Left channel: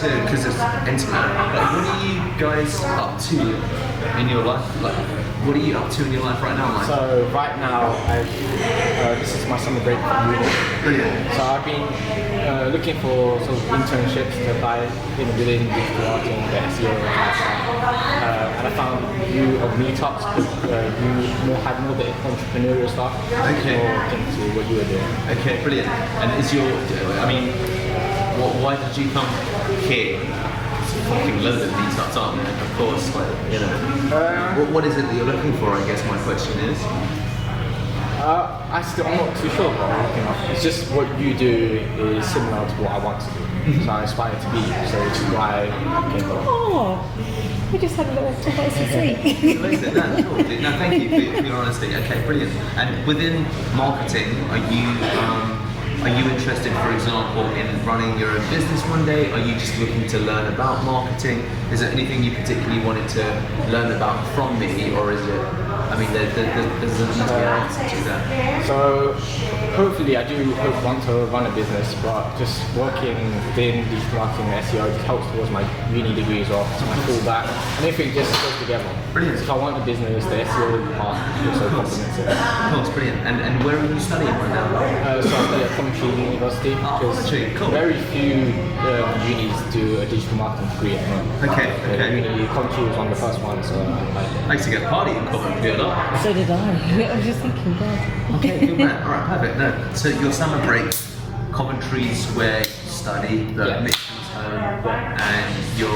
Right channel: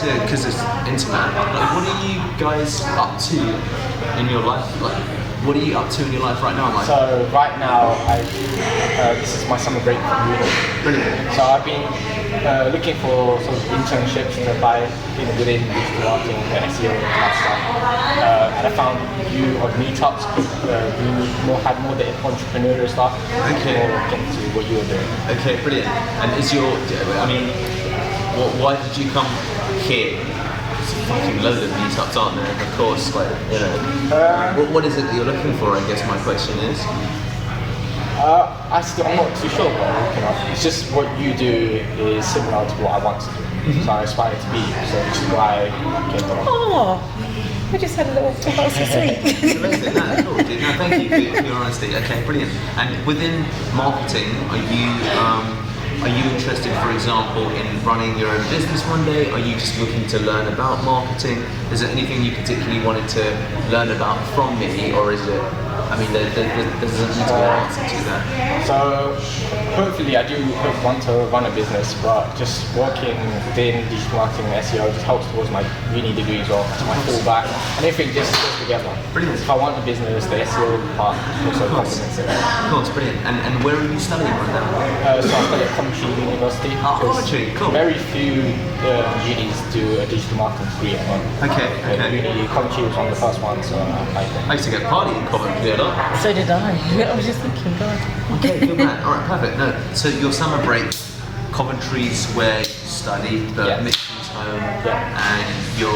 to, because it's intimate, like, what are you guys up to in your life? Like, what are you up to in your life right now, Mike? So right now, this is my summer break from uni. Brilliant. So I've been looking for sort of internships to apply within digital marketing, SEO, and that stuff. And I found you on meetups who had more the entrepreneurial stuff. Okay. More into what you were doing. Okay, brilliant. And is your, I mean, why did you come here? There's a fucking load of meetups, aren't there? Of course, like, you know. What is it that you're looking for, I guess my question is? I'm not too sure. It's just what you do is similar to what I want to do. So I aspire to be, so which is why I came from. Oh, I just had a little so sweet. It's amazing. No, cool. No, thank you for your honesty. Okay, brilliant. And within marketing, are you interested, for example, in running your own business one day? Are you just looking to learn about marketing? Is there anything you particularly wanted to learn about from me, or is it? I mean, there doesn't need to be an answer to that. So hopefully I do want to run a business, but just working within digital marketing and SEO just helps towards my uni degree as well, so my fallback, and everything just goes together. Brilliant. If I want a business, the SEO part also complements it. Of course, brilliant. And where are you studying right now? So I study at Coventry University. Oh, Coventry, cool. Very few unis do a digital marketing degree at the moment. Okay. Coventry was one of the first ones, so I used to get party in Coventry a lot. So did I. I was just thinking, God. Okay, good man. All right, perfect. No, so your summer break, Coventry's where you study, but Mixon's home, and you're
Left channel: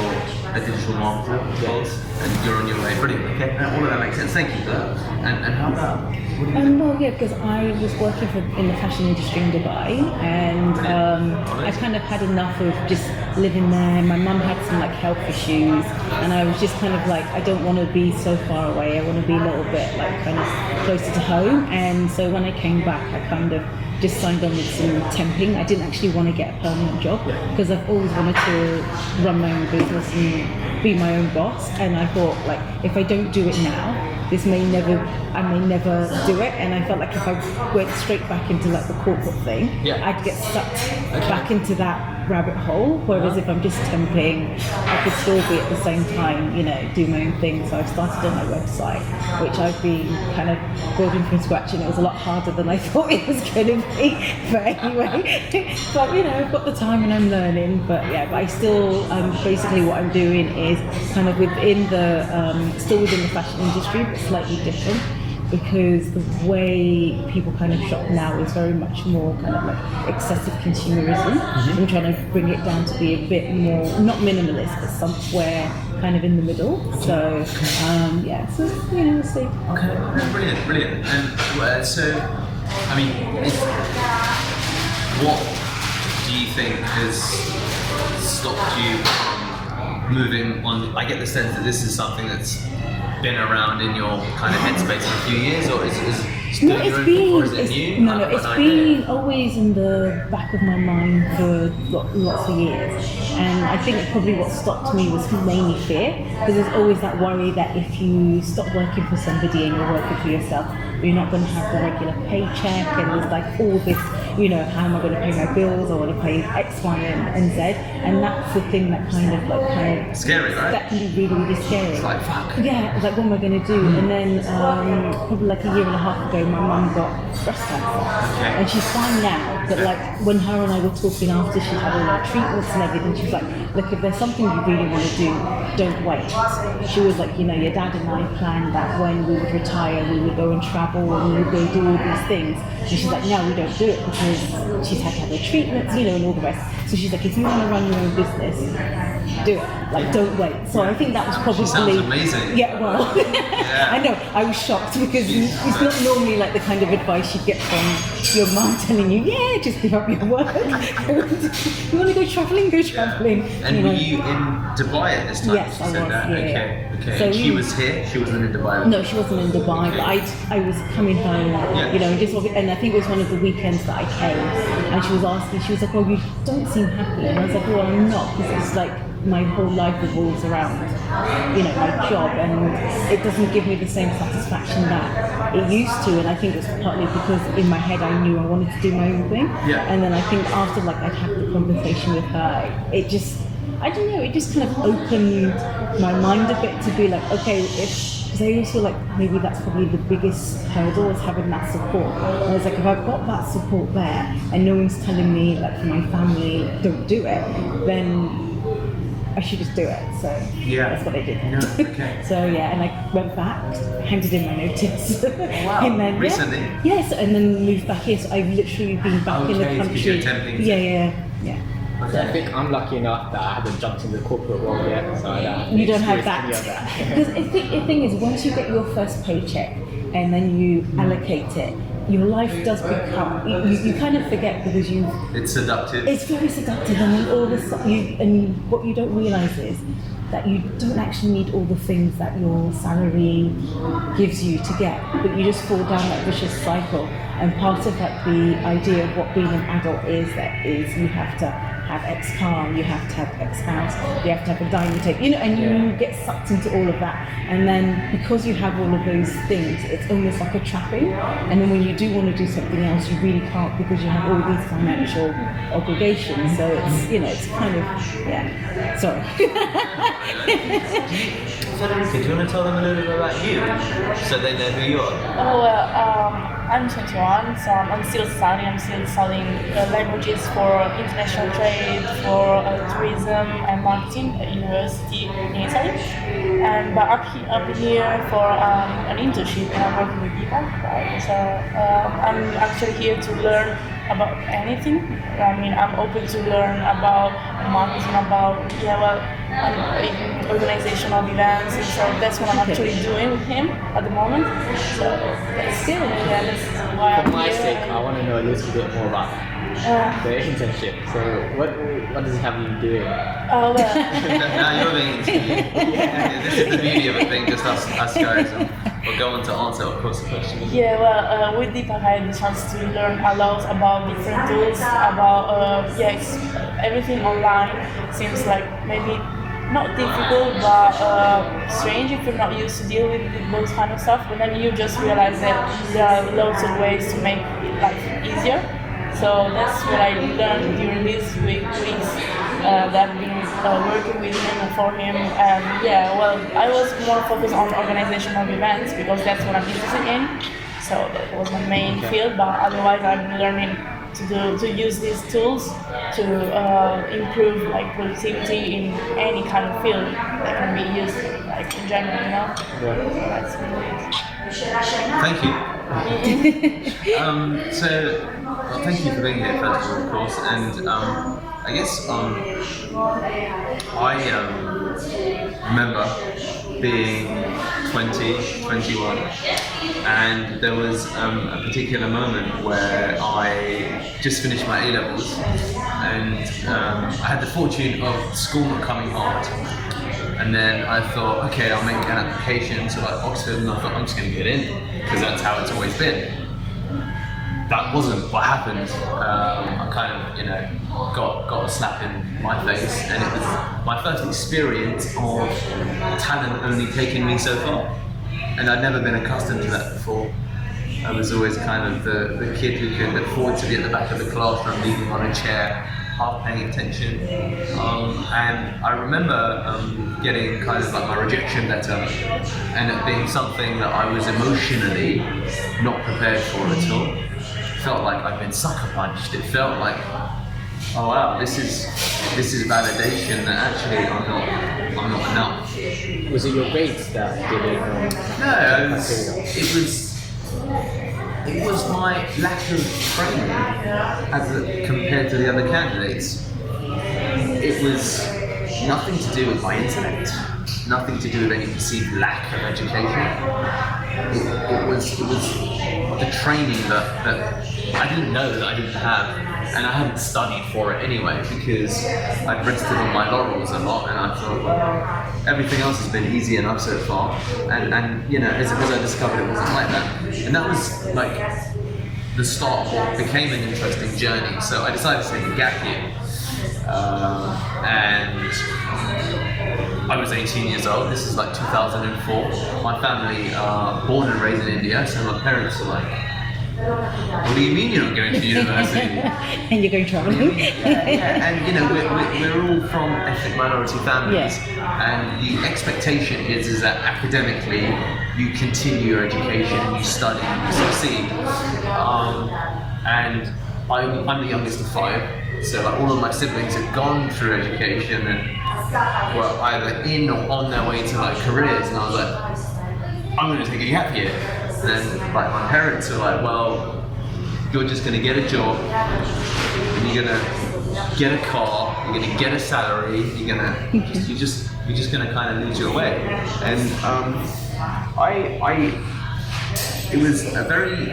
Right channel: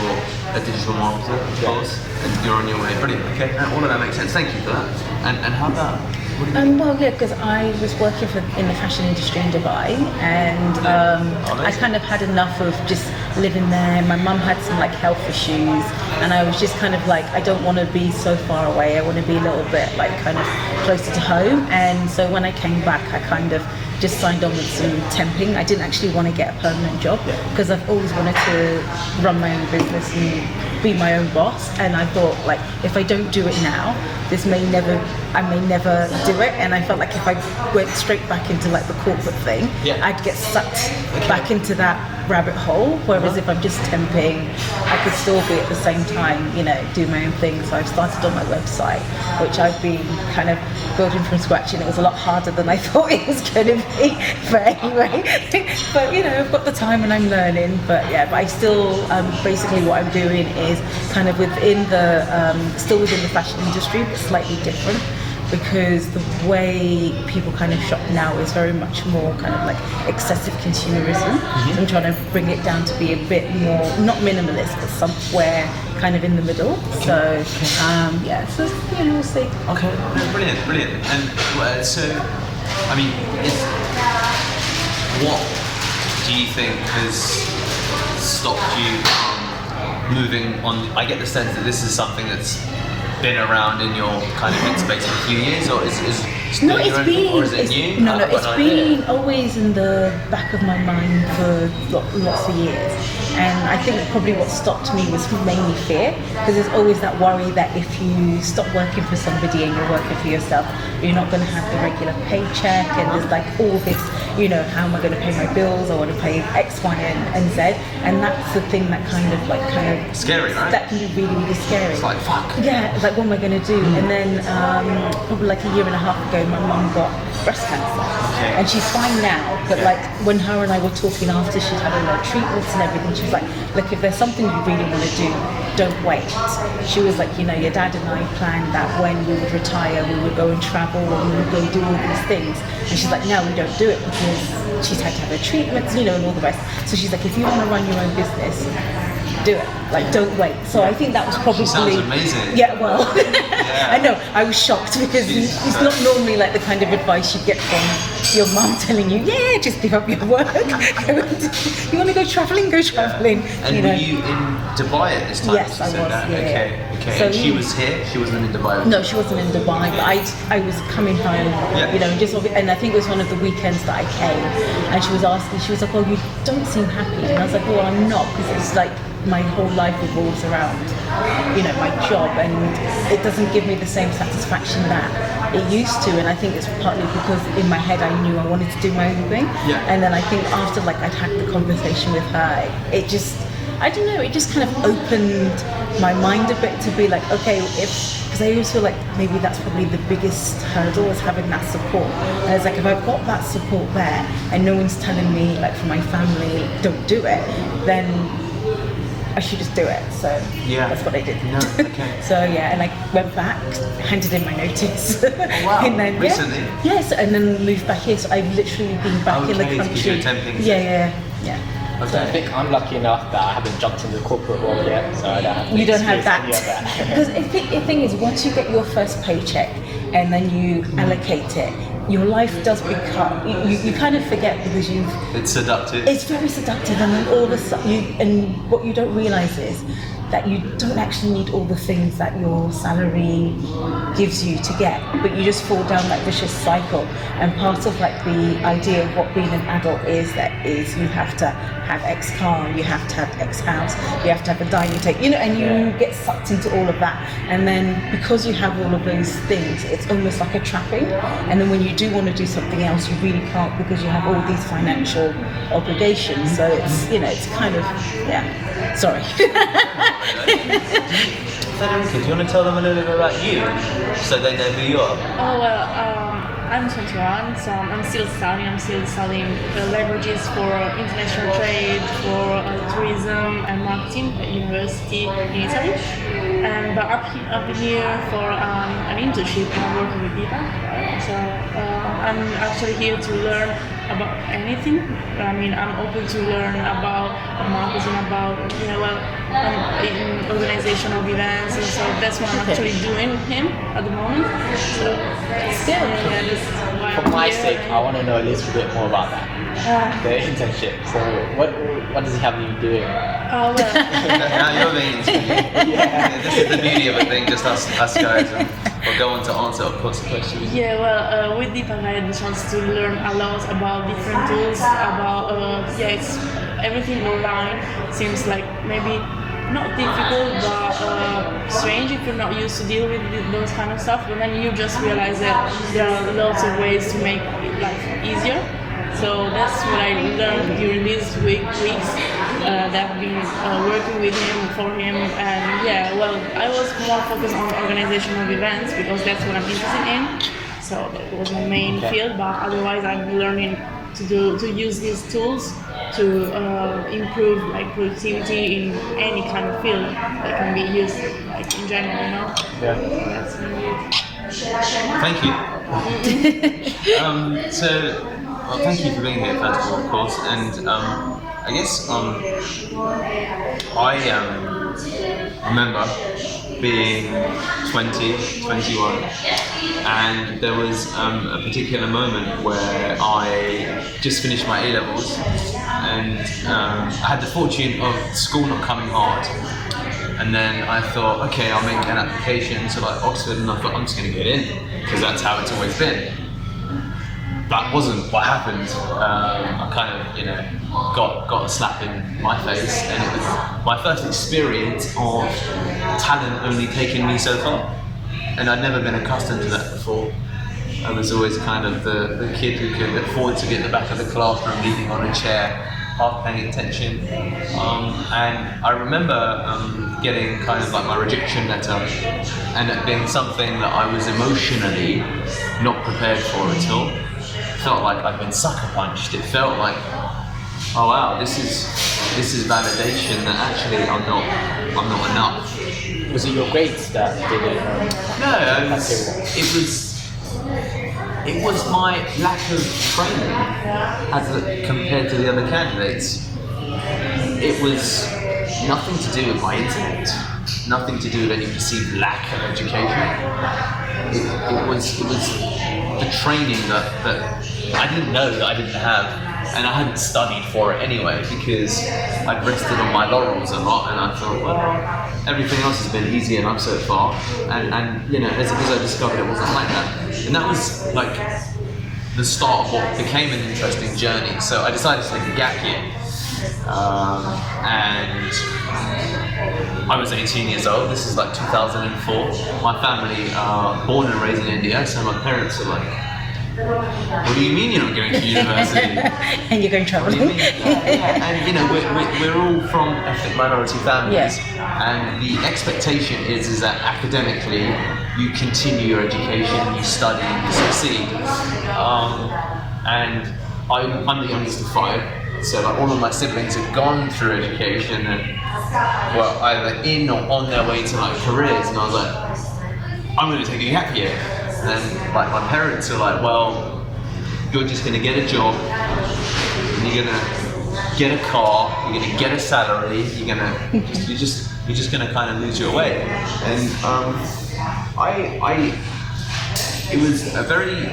a digital marketer, of course, and you're on your way. Brilliant. Okay, all of that makes sense. Thank you for that. And how about? What do you Well, yeah, because I was working in the fashion industry in Dubai, and I kind of had enough of just living there. My mum had some like health issues, and I was just kind of like, I don't want to be so far away. I want to be a little bit like kind of closer to home. And so when I came back, I kind of just signed on with some temping. I didn't actually want to get a permanent job because I've always wanted to run my own business and be my own boss. And I thought, like, if I don't do it now, I may never do it. And I felt like if I went straight back into like the corporate thing, I'd get sucked back into that rabbit hole. Whereas if I'm just temping, I could still be at the same time, you know, do my own thing. So I've started on my website, which I've been kind of building from scratch, and it was a lot harder than I thought it was going to be. But anyway, but you know, I've got the time and I'm learning. But yeah, but I still basically what I'm doing is kind of within the still within the fashion industry, but slightly different, because the way people kind of shop now is very much more kind of like excessive consumerism. I'm trying to bring it down to be a bit more, not minimalist, but somewhere kind of in the middle. So so you know, we'll see. Okay, no, brilliant. And so, I mean, what do you think has stopped you from moving on? I get the sense that this is something that's been around in your kind of headspace for a few years, or is it new? No, it's been always in the back of my mind for lots of years. And I think probably what stopped me was mainly fear, because there's always that worry that if you stop working for somebody and you're working for yourself, you're not going to have the regular paycheck, and there's like all this, you know, how am I going to pay my bills? I want to pay X, Y, and Z, and that's the thing that kind of scary, right? That can be really, really scary. It's like, fuck. Yeah, like what am I going to do? And then probably like a year and a half ago, my mum got breast cancer, and she's fine now. But like when her and I were talking after she'd had all her treatments and everything, she was like, look, if there's something you really want to do, don't wait. She was like, you know, your dad and I planned that when we would retire, we would go and travel and we would go do all these things. And she's like, no, we don't do it because she's had to have her treatments, you know, and all the rest. So she's like, if you want to run your own business, do it. Like, don't wait. So I think that was probably... Sounds amazing. Yeah, well, I know. I was shocked because it's not normally like the kind of advice you get from your mum telling you, yeah, just give up your work. You want to go travelling? Go travelling. And were you in Dubai at this time? Yes, she said that. Okay. So and she was here? She wasn't in Dubai? No, she wasn't in Dubai. But I was coming home, you know, and I think it was one of the weekends that I came, and she was asking, she was like, oh, you don't seem happy. And I was like, well, I'm not, because it's like my whole life revolves around, you know, my job, and it doesn't give me the same satisfaction that it used to. And I think it's partly because in my head I knew I wanted to do my own thing. And then I think after like I'd had the conversation with her, it just I don't know, it just kind of opened my mind a bit to be like, okay, because I always feel like maybe that's probably the biggest hurdle, is having that support. And it's like, if I've got that support there and no one's telling me, like from my family, don't do it, then I should just do it. So Yeah. that's what I did. No, okay. So yeah, and I went back, handed in my notice. Oh, wow. And then, Recently? Yeah, yes, and then moved back here. So I've literally been back in the Okay, country. because you're temping. Yeah. So I think I'm lucky enough that I haven't jumped into the corporate world yet, so I don't have You don't have that. experience any of that. Because the thing is, once you get your first paycheck and then you allocate it, your life does become, you kind of forget because It's seductive. it's very seductive, and then all of a sudden, and what you don't realize is that you don't actually need all the things that your salary gives you to get, but you just fall down that vicious cycle. And part of like the idea of what being an adult is you have to have X car, you have to have X house, you have to have a dining table, and you get sucked into all of that. And then because you have all of those things, it's almost like a trapping. And then when you do want to do something else, you really can't because you have all these financial obligations. So it's it's kind of sorry. Federica, do you want to tell them a little bit about you, so they know who you are? Oh, well, I'm 21, so I'm still studying. I'm still studying languages for international trade, for tourism and marketing at university in Italy. But up here for an internship, and I'm working with Deepak, right? So I'm actually here to learn about anything. I mean, I'm open to learn about marketing, about organization of events, and so that's what I'm actually doing with him at the moment. So that's that's why For I'm my here. sake, I want to know a little bit more about that. The internship. So what does he have you doing? Well, Now you're being interviewed. Yeah, this is the beauty of it being just us guys, and we'll go on to answer, of course, the question. with Deepak I had the chance to learn a lot about different tools, about it's everything online seems like maybe not difficult but strange if you're not used to dealing with those kind of stuff, but then you just realize that there are lots of ways to make life easier. So that's what I learned during these weeks that I've been working with him and for him. And I was more focused on organization of events because that's what I'm interested in. So that was my main field. But otherwise, I'm learning to use these tools to improve like productivity in any kind of field that can be used like in general. Yeah. That's Thank you. Well, thank you for being here, first of all, of course. And I guess I remember being 20, 21, and there was a particular moment where I just finished my A-levels, and I had the fortune of school not coming hard. And then I thought, okay, I'll make an application to like Oxford, and I thought I'm just going to get in because that's how it's always been. That wasn't what happened. I kind of, got a slap in my face, and it was my first experience of talent only taking me so far. And I'd never been accustomed to that before. I was always kind of the kid who could afford to be at the back of the classroom, leaning on a chair, half paying attention. And I remember getting kind of like my rejection letter, and it being something that I was emotionally not prepared for at all. Felt like I'd been sucker punched. It felt like, oh wow, this is validation that actually I'm not enough. Was it your grades that did it? No, it was my lack of training compared to the other candidates. It was nothing to do with my intellect, nothing to do with any perceived lack of education. It was the training that I didn't know that I didn't have, and I hadn't studied for it anyway because I'd rested on my laurels a lot, and I thought, well, everything else has been easy enough so far, and as I discovered it wasn't like that, and that was like the start of what became an interesting journey. So I decided to take a gap year, and I was 18 years old. This is like 2004. My family are born and raised in India, so my parents are like What do you mean you're not going to university? And you're going What do traveling. you mean? Yeah. And you know, we're all from ethnic minority families, and the expectation is that academically you continue your education, you study, you succeed. And I'm the youngest of 5, so like all of my siblings have gone through education and were either in or on their way to like careers, and I was like, I'm going to take a gap year. And then like my parents were like, well, you're just going to get a job, and you're going to get a car, you're going to get a salary, you're just going to kind of lose your way. And it was a very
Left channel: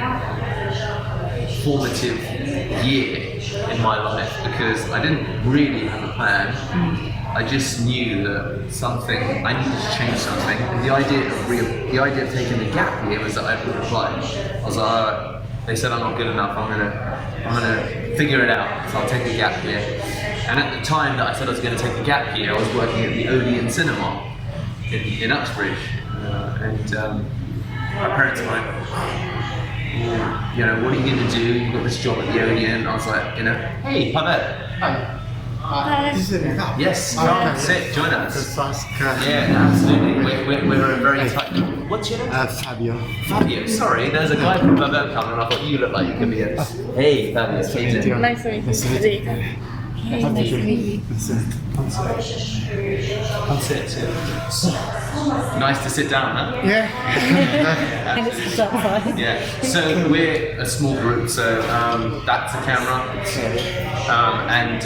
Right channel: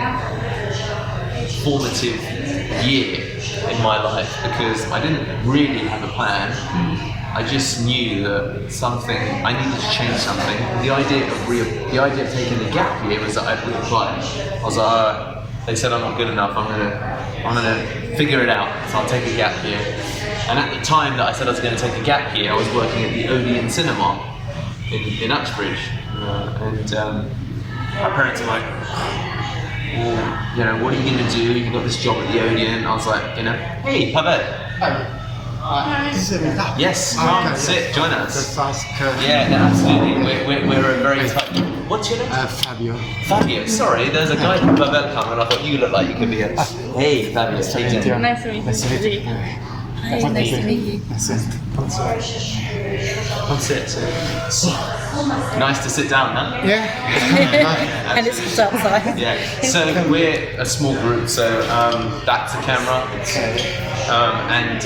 formative year in my life because I didn't really have a plan. I just knew that I needed to change something. The idea of taking a gap year was that I'd reapply. I was like, they said I'm not good enough. I'm gonna figure it out. So I'll take a gap year. And at the time that I said I was going to take a gap year, I was working at the Odeon Cinema in Uxbridge, and my parents were like, well, you know, what are you going to do? You've got this job at the Odeon. I was like, you know, hey, Pavel. Is it that? Yes, come Okay, sit, yes. join us. Just ask. Yeah, no, absolutely. We're a very tight. What's your name? Fabio. Fabio. Sorry, there's a guy from Pavel coming, and I thought you look like you could be a. Hey, Fabio. How you doing? Nice to meet you. Nice to meet you. Hi, nice to meet you. Nice to Come sit. Nice to sit down, huh? Yeah. And it's outside. Yeah. So we're a small group. So that's the camera. And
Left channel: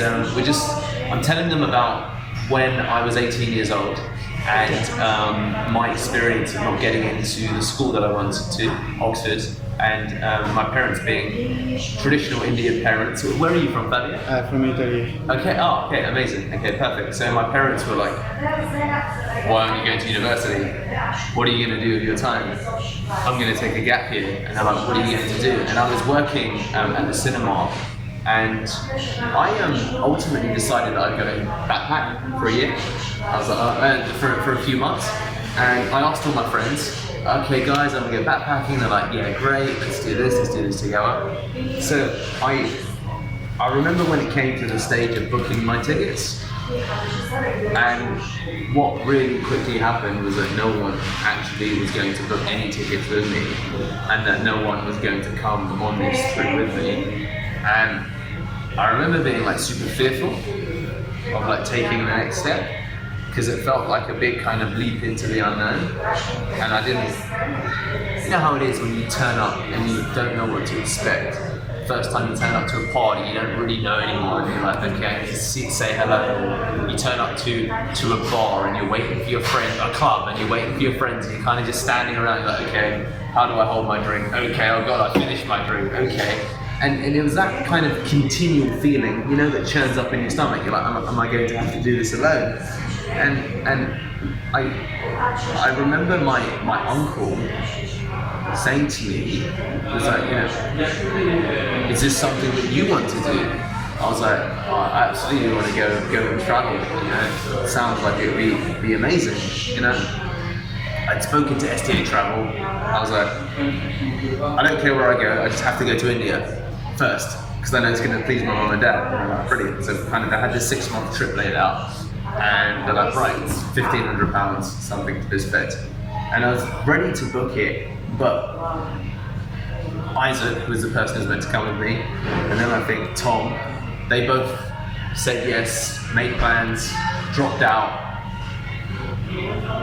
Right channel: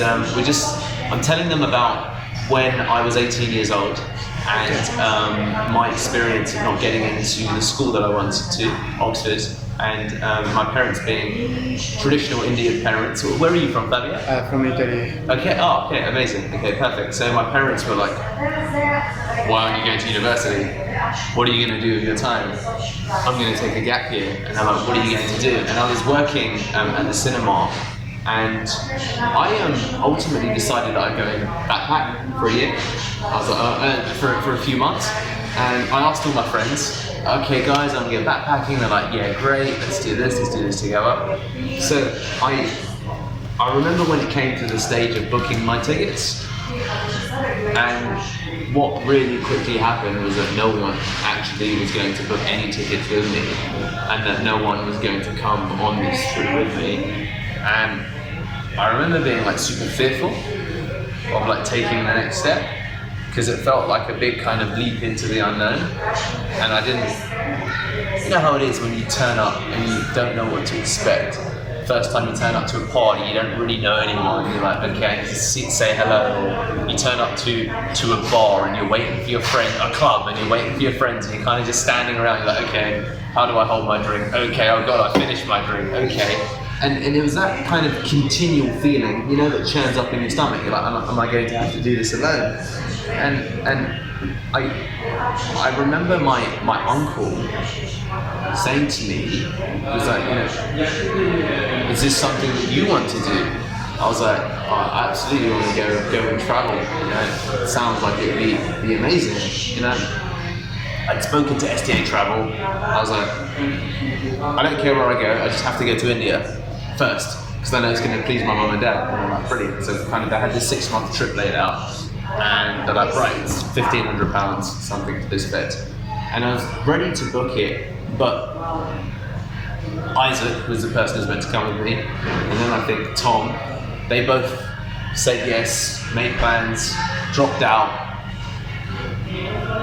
I'm telling them about when I was 18 years old and my experience of not getting into the school that I wanted to, Oxford, and my parents being traditional Indian parents. Where are you from, Fabio? From Italy. Okay, okay, amazing. Okay, perfect. So my parents were like, why aren't you going to university? What are you going to do with your time? I'm going to take a gap year. And they're like, what are you going to do? And I was working at the cinema, and I ultimately decided that I'd go in backpack for a year. I was like, for a few months. And I asked all my friends, okay guys, I'm going to go backpacking. They're like, yeah, great, let's do this together. So I remember when it came to the stage of booking my tickets, and what really quickly happened was that no one actually was going to book any tickets with me, and that no one was going to come on this trip with me. And I remember being like super fearful of like taking the next step, because it felt like a big kind of leap into the unknown, and I didn't. You know how it is when you turn up and you don't know what to expect. First time you turn up to a party, you don't really know anyone. You're like, okay, just say hello. Or you turn up to a bar and you're waiting for your friend, a club, and you're waiting for your friends, and you're kind of just standing around. You're like, okay, how do I hold my drink? Okay, oh god, I finished my drink. Okay, and it was that kind of continual feeling, you know, that churns up in your stomach. You're like, am I going to have to do this alone? And I remember my uncle saying to me, was like, you know, is this something that you want to do? I was like, oh, I absolutely want to go and travel. You know, it sounds like it would be amazing. You know, I'd spoken to STA Travel. I was like, I don't care where I go. I just have to go to India first because I know it's going to please my mum and dad. And I'm like, brilliant. So kind of, I had this 6-month trip laid out, and they're like, right, it's £1,500, something to this effect. And I was ready to book it, but Isaac was the person who was meant to come with me, and then I think Tom, they both said yes, made plans, dropped out.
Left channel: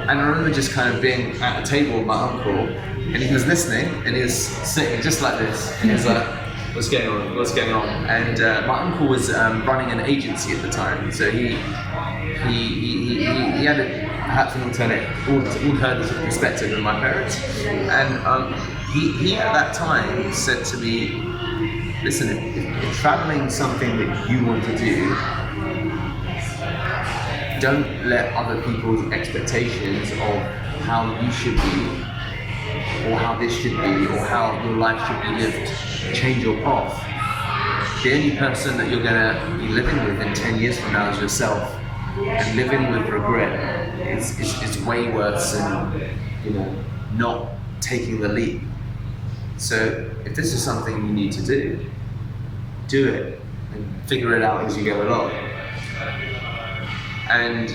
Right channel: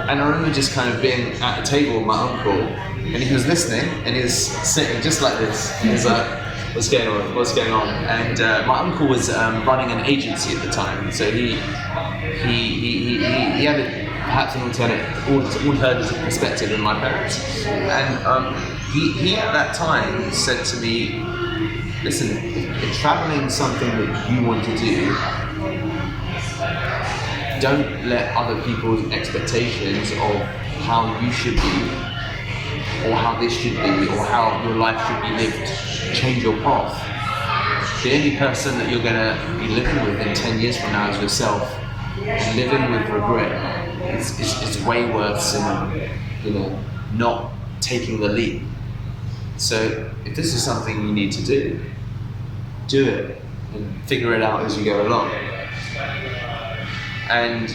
And I remember just kind of being at the table with my uncle, and he was listening, and he was sitting just like this, and he was like, what's going on, what's going on? And my uncle was running an agency at the time, so he had perhaps an alternative perspective than my parents, and he at that time said to me, listen, if traveling's something that you want to do, don't let other people's expectations of how you should be, or how this should be, or how your life should be lived change your path. The only person that you're going to be living with in 10 years from now is yourself, and living with regret is way worse than, you know, not taking the leap. So if this is something you need to do it and figure it out as you go along. And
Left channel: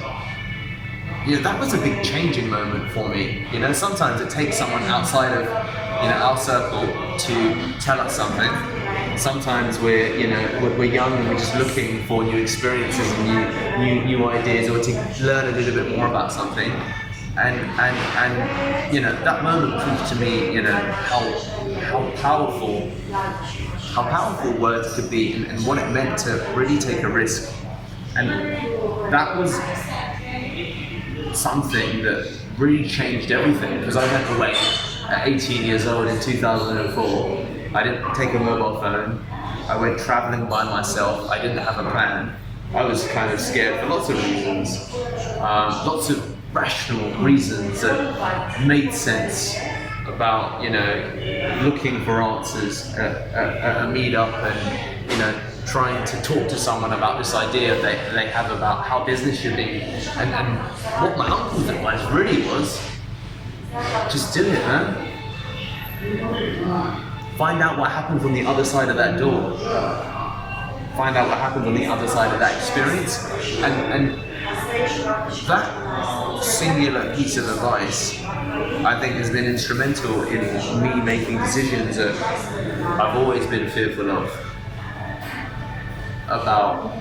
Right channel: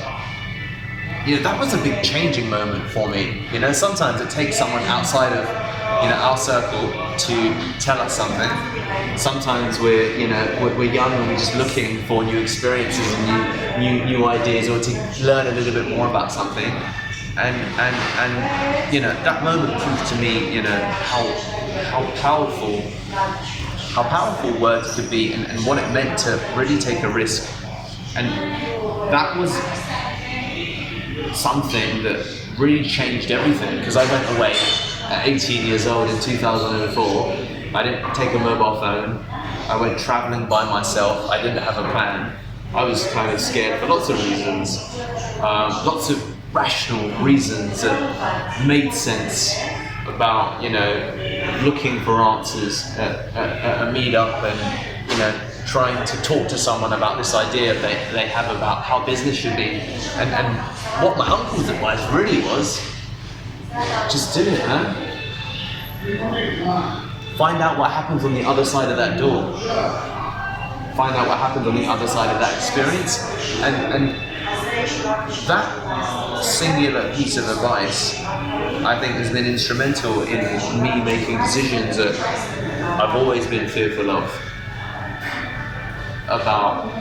that was a big changing moment for me. Sometimes it takes someone outside of our circle to tell us something. Sometimes we're young and we're just looking for new experiences and new ideas, or to learn a little bit more about something. And that moment proved to me how powerful words could be, and what it meant to really take a risk. And that was something that really changed everything, because I went away at 18 years old in 2004. I didn't take a mobile phone. I went traveling by myself. I didn't have a plan. I was kind of scared for lots of reasons, lots of rational reasons that made sense about looking for answers at a meetup, and trying to talk to someone about this idea they have about how business should be. And what my uncle's advice really was, just do it, man. Find out what happens on the other side of that door. Find out what happens on the other side of that experience. And that singular piece of advice, I think, has been instrumental in me making decisions that I've always been fearful of. About,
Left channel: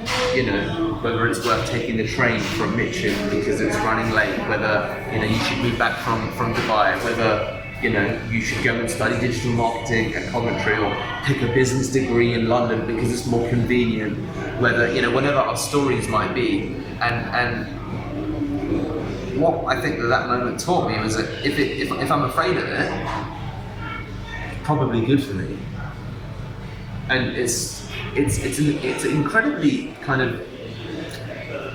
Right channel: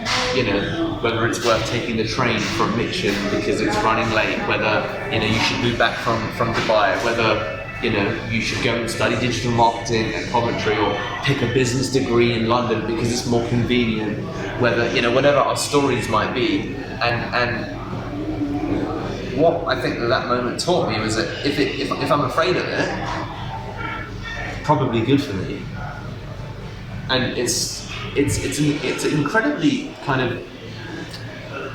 whether it's worth taking the train from Mitcham because it's running late, whether, you should move back from Dubai, whether, you should go and study digital marketing at Coventry, or pick a business degree in London because it's more convenient, whether, whatever our stories might be. And what I think that moment taught me was that if I'm afraid of it, it's probably good for me. And it's an incredibly kind of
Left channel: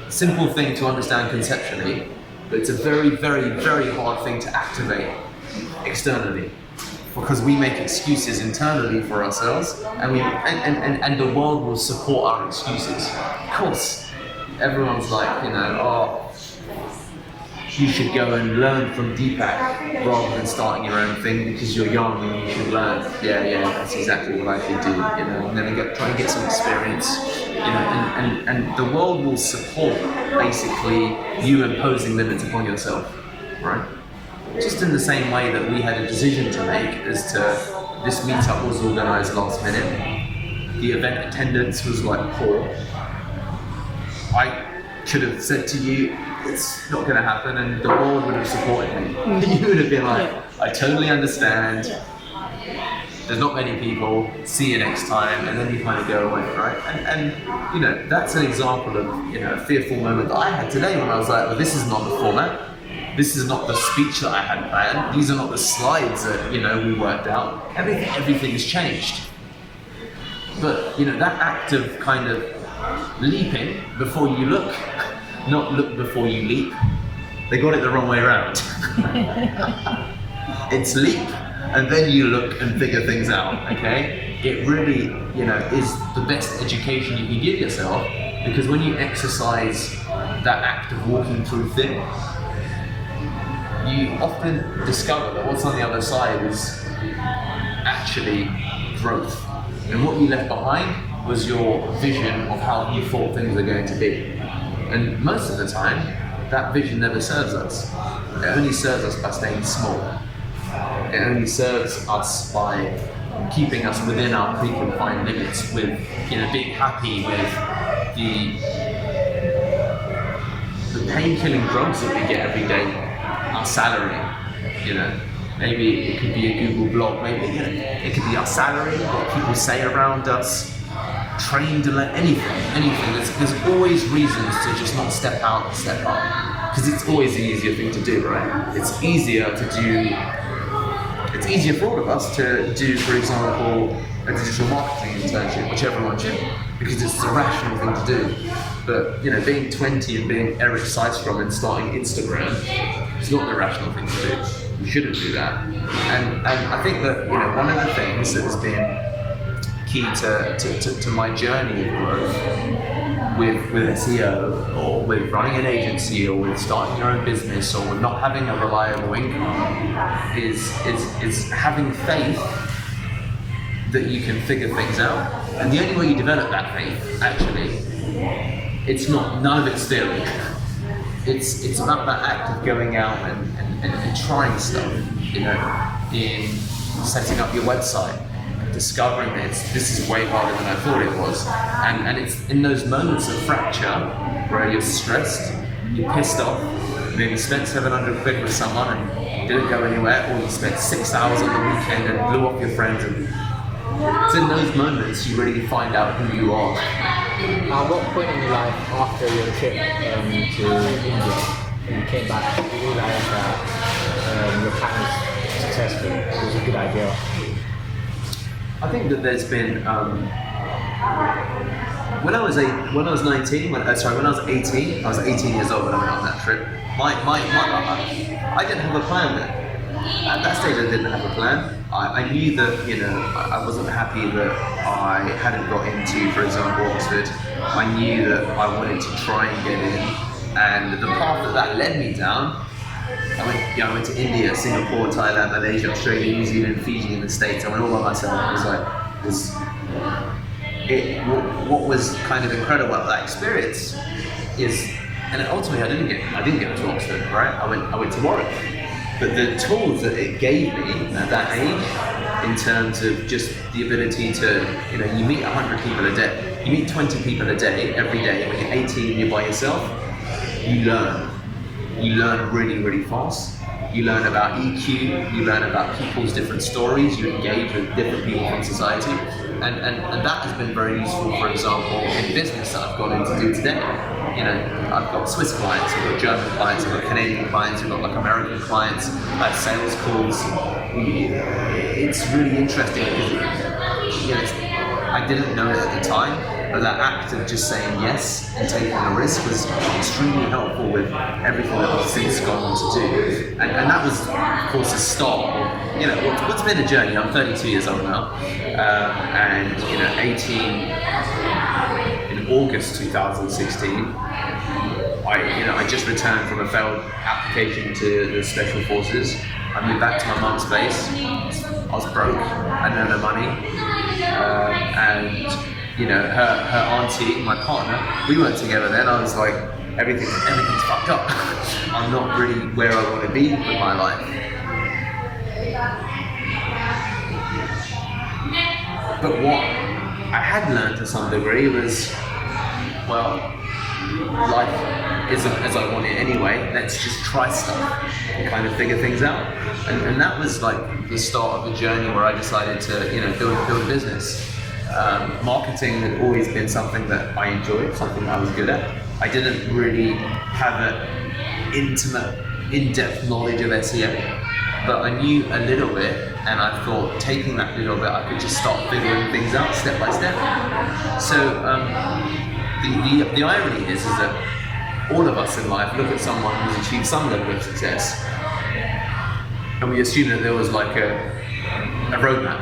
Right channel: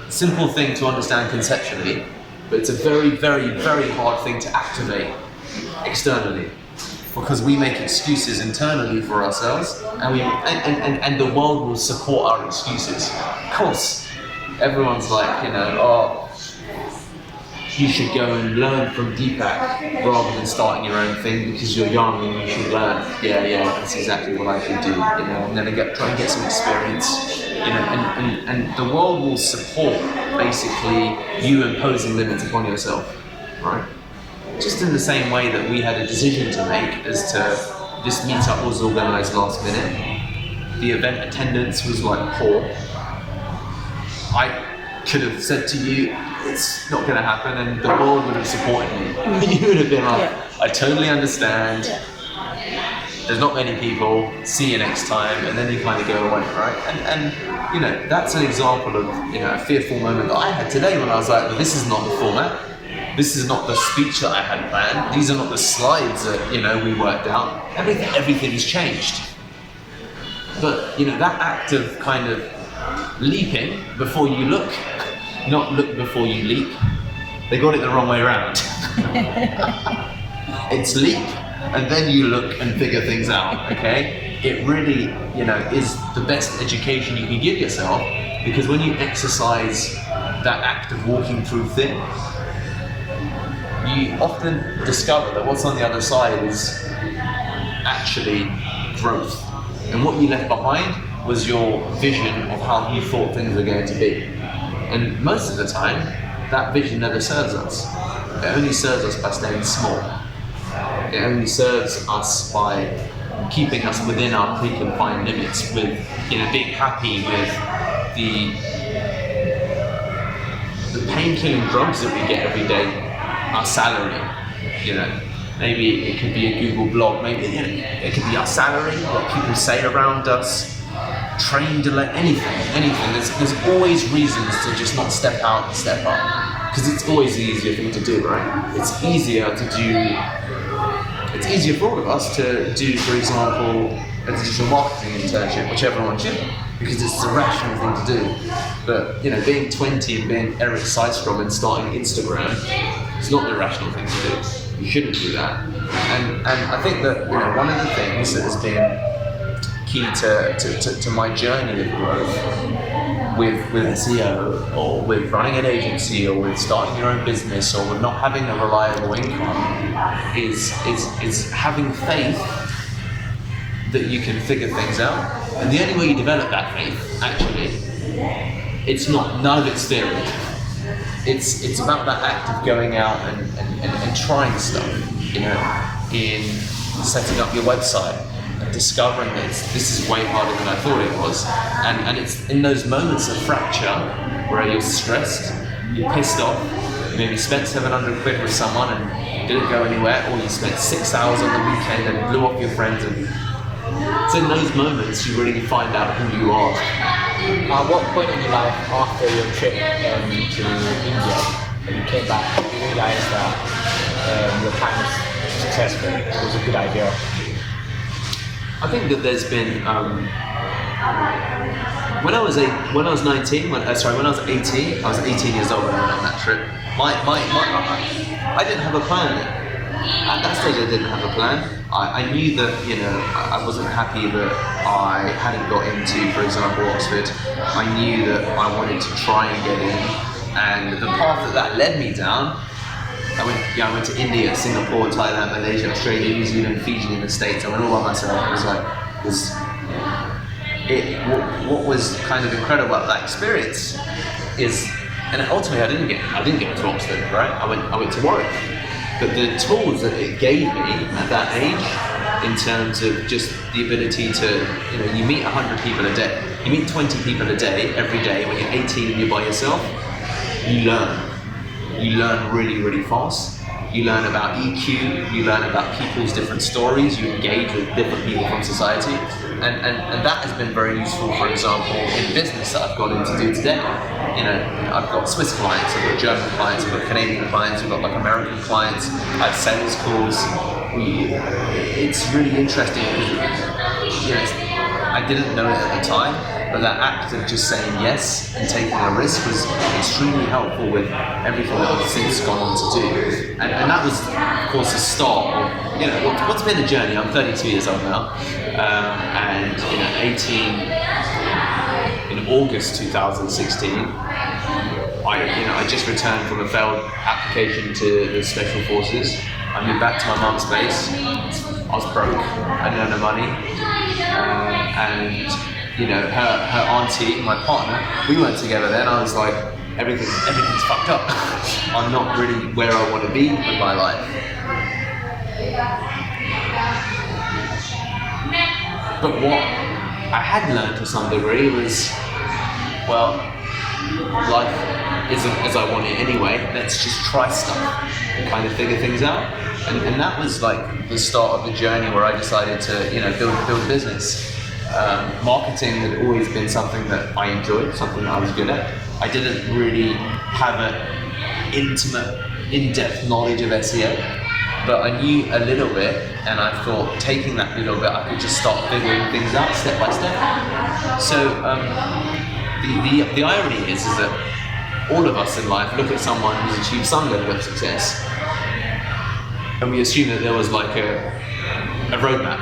simple thing to understand conceptually, but it's a very, very, very hard thing to activate externally, because we make excuses internally for ourselves, and the world will support our excuses. Of course, everyone's like, oh, you should go and learn from Deepak rather than starting your own thing because you're young and you should learn. Yeah, that's exactly what I should do. I'm going to try and get some experience. And the world will support basically you imposing limits upon yourself, right? Just in the same way that we had a decision to make as to this meetup was organised last minute. The event attendance was like poor. I could have said to you, it's not going to happen, and the world would have supported me. You would have been like, I totally understand. There's not many people. See you next time, and then you kind of go away, right? And that's an example of a fearful moment that I had today when I was like, well, this is not the format. This is not the speech that I had planned. These are not the slides that we worked out. Everything has changed. But that act of kind of leaping before you look, not look before you leap. They got it the wrong way around. It's leap and then you look and figure things out, okay? It really, is the best education you can give yourself, because when you exercise that act of walking through things, you often discover that what's on the other side is actually growth. And what you left behind was your vision of how you thought things were going to be. And most of the time, that vision never serves us. It only serves us by staying small. It only serves us by keeping us within our preconfined limits, with being happy with the pain-killing drugs that we get every day, our salary. Maybe it could be a Google blog, maybe it could be our salary, what people say around us, train delay, anything. There's always reasons to just not step out and step up, because it's always the easier thing to do, right? It's easier for all of us to do, for example, a digital marketing internship, which everyone should, because it's the rational thing to do. But being 20 and being Eric Seidstrom and starting Instagram is not the rational thing to do. You shouldn't do that. And I think that one of the things that has been key to my journey of growth with SEO, or with running an agency, or with starting your own business, or with not having a reliable income, is having faith that you can figure things out. And the only way you develop that faith, actually, it's not, none of it's theory. It's about that act of going out and trying stuff, you know, in setting up your website, discovering that this is way harder than I thought it was. And it's in those moments of fracture where you're stressed, you're pissed off, maybe spent 700 quid with someone and didn't go anywhere, or you spent 6 hours on the weekend and blew off your friends. And it's in those moments you really find out who you are. At what point in your life after your trip to India, when you came back, you realized that your plan was successful, it was a good idea? I think that there's been when I was 18, when I was 18 years old when I went on that trip. I didn't have a plan then. At that stage, I didn't have a plan. I knew that, you know, I wasn't happy that I hadn't got into, for example, Oxford. I knew that I wanted to try and get in, and the path that led me down. I went to India, Singapore, Thailand, Malaysia, Australia, New Zealand, Fiji, and the States. I went all by myself. What was kind of incredible about that experience is, and ultimately I didn't get to Oxford, right? I went to Warwick. But the tools that it gave me at that age, in terms of just the ability to, you know, you meet 100 people a day, you meet 20 people a day, every day. When you're 18 and you're by yourself, you learn. You learn really, really fast. You learn about EQ, you learn about people's different stories, you engage with different people from society. And that has been very useful, for example, in business that I've gone in to do today. You know, I've got Swiss clients, I've got German clients, I've got Canadian clients, I've got like American clients, I have sales calls. It's really interesting because, you know, I didn't know it at the time, but that act of just saying yes and taking a risk was extremely helpful with everything that I've since gone on to do. And that was, of course, the start of, you know, what's been a journey. I'm 32 years old now, and, you know, 18 in August 2016. I just returned from a failed application to the Special Forces. I moved back to my mum's place. I was broke. I didn't have no money, and you know, her auntie, my partner, we weren't together then. I was like, everything's fucked up. I'm not really where I want to be with my life. But what I had learned to some degree was, well, life isn't as I want it anyway. Let's just try stuff and kind of figure things out. And that was like the start of a journey where I decided to, you know, build a business. Marketing had always been something that I enjoyed, something that I was good at. I didn't really have an intimate, in-depth knowledge of SEO, but I knew a little bit, and I thought taking that little bit, I could just start figuring things out step by step. So the irony is that all of us in life look at someone who's achieved some level of success, and we assume that there was like a roadmap,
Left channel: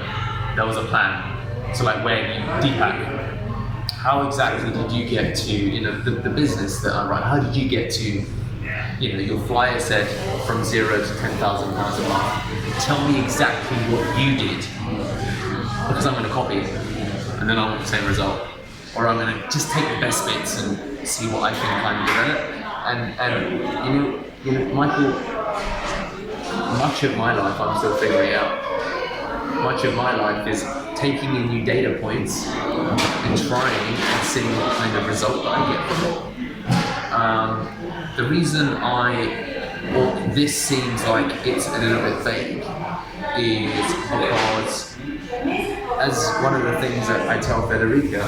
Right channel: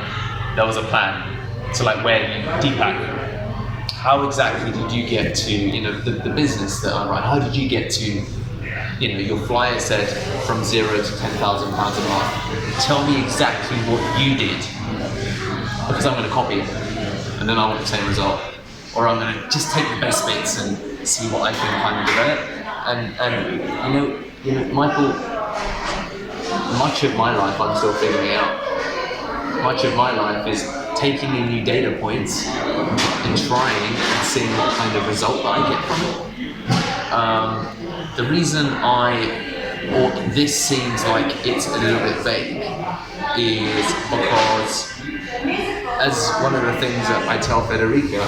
there was a plan. So like Deepak, how exactly did you get to, you know, the business that I run? How did you get to, you know, your flyer said from 0 to £10,000 a month. Tell me exactly what you did, because I'm going to copy it, and then I want the same result. Or I'm going to just take the best bits and see what I can kind of develop. And you know, Michael, much of my life I'm still figuring out. Much of my life is taking in new data points and trying and seeing what kind of result that I get from it. The reason this seems like it's a little bit vague is because, as one of the things that I tell Federica,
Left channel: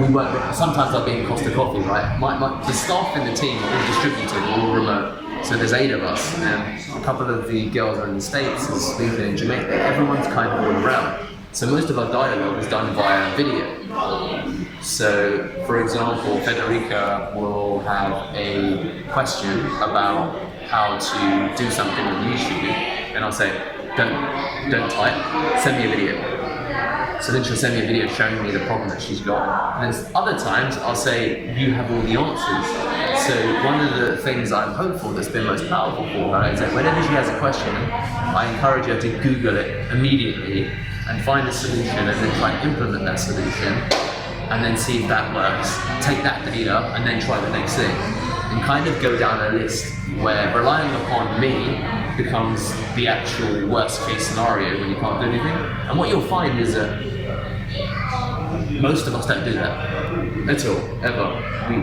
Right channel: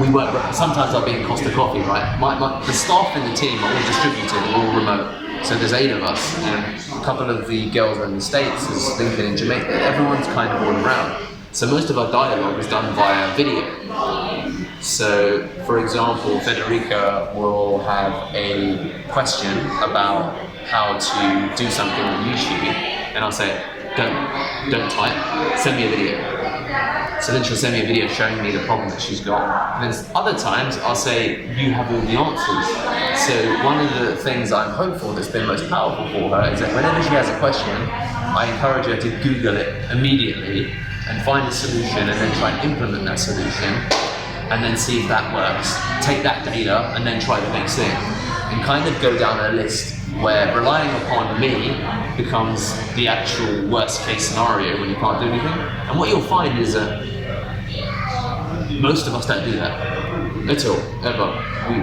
we work, sometimes I'll be in Costa Coffee, right? The staff in the team are all distributed, we're all remote. So there's 8 of us, and a couple of the girls are in the States, there's Lincoln in Jamaica, everyone's kind of all around. So most of our dialogue is done via video. So, for example, Federica will have a question about how to do something on YouTube, and I'll say, don't type, send me a video. So then she'll send me a video showing me the problem that she's got. And then other times I'll say, you have all the answers. So one of the things I'm hopeful that's been most powerful for her is that whenever she has a question, I encourage her to Google it immediately and find a solution and then try and implement that solution and then see if that works. Take that data and then try the next thing. And kind of go down a list where relying upon me becomes the actual worst case scenario when you can't do anything. And what you'll find is that most of us don't do that at all, ever.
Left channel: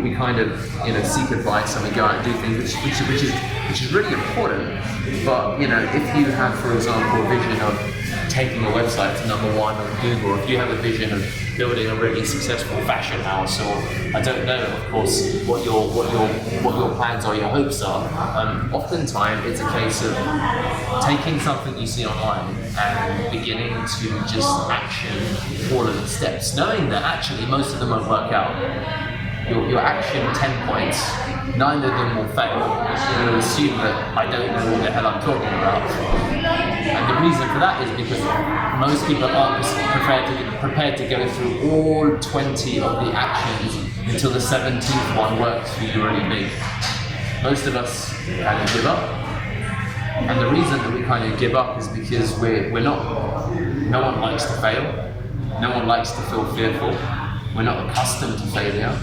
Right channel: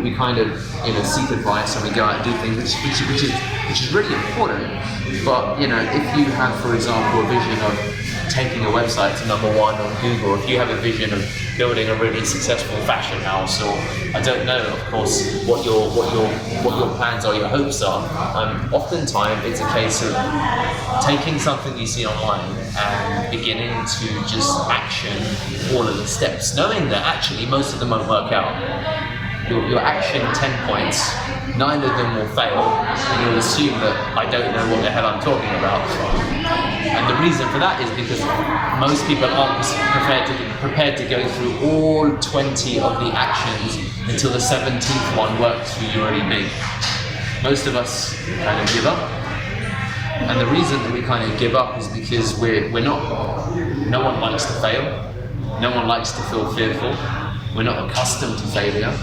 We kind of, seek advice and we go out and do things, which is really important. But if you have, for example, a vision of taking a website to #1 on Google, or if you have a vision of building a really successful fashion house, or I don't know, of course, what your plans are, your hopes are. Oftentimes, it's a case of taking something you see online and beginning to just action all of the steps, knowing that actually most of them won't work out. Your action 10 points, 9 of them will fail, and you'll assume that I don't know what the hell I'm talking about. And the reason for that is because most people aren't prepared to go through all 20 of the actions until the 17th one works for you really big. Most of us kind of give up. And the reason that we kind of give up is because no one likes to fail. No one likes to feel fearful. We're not accustomed to failure.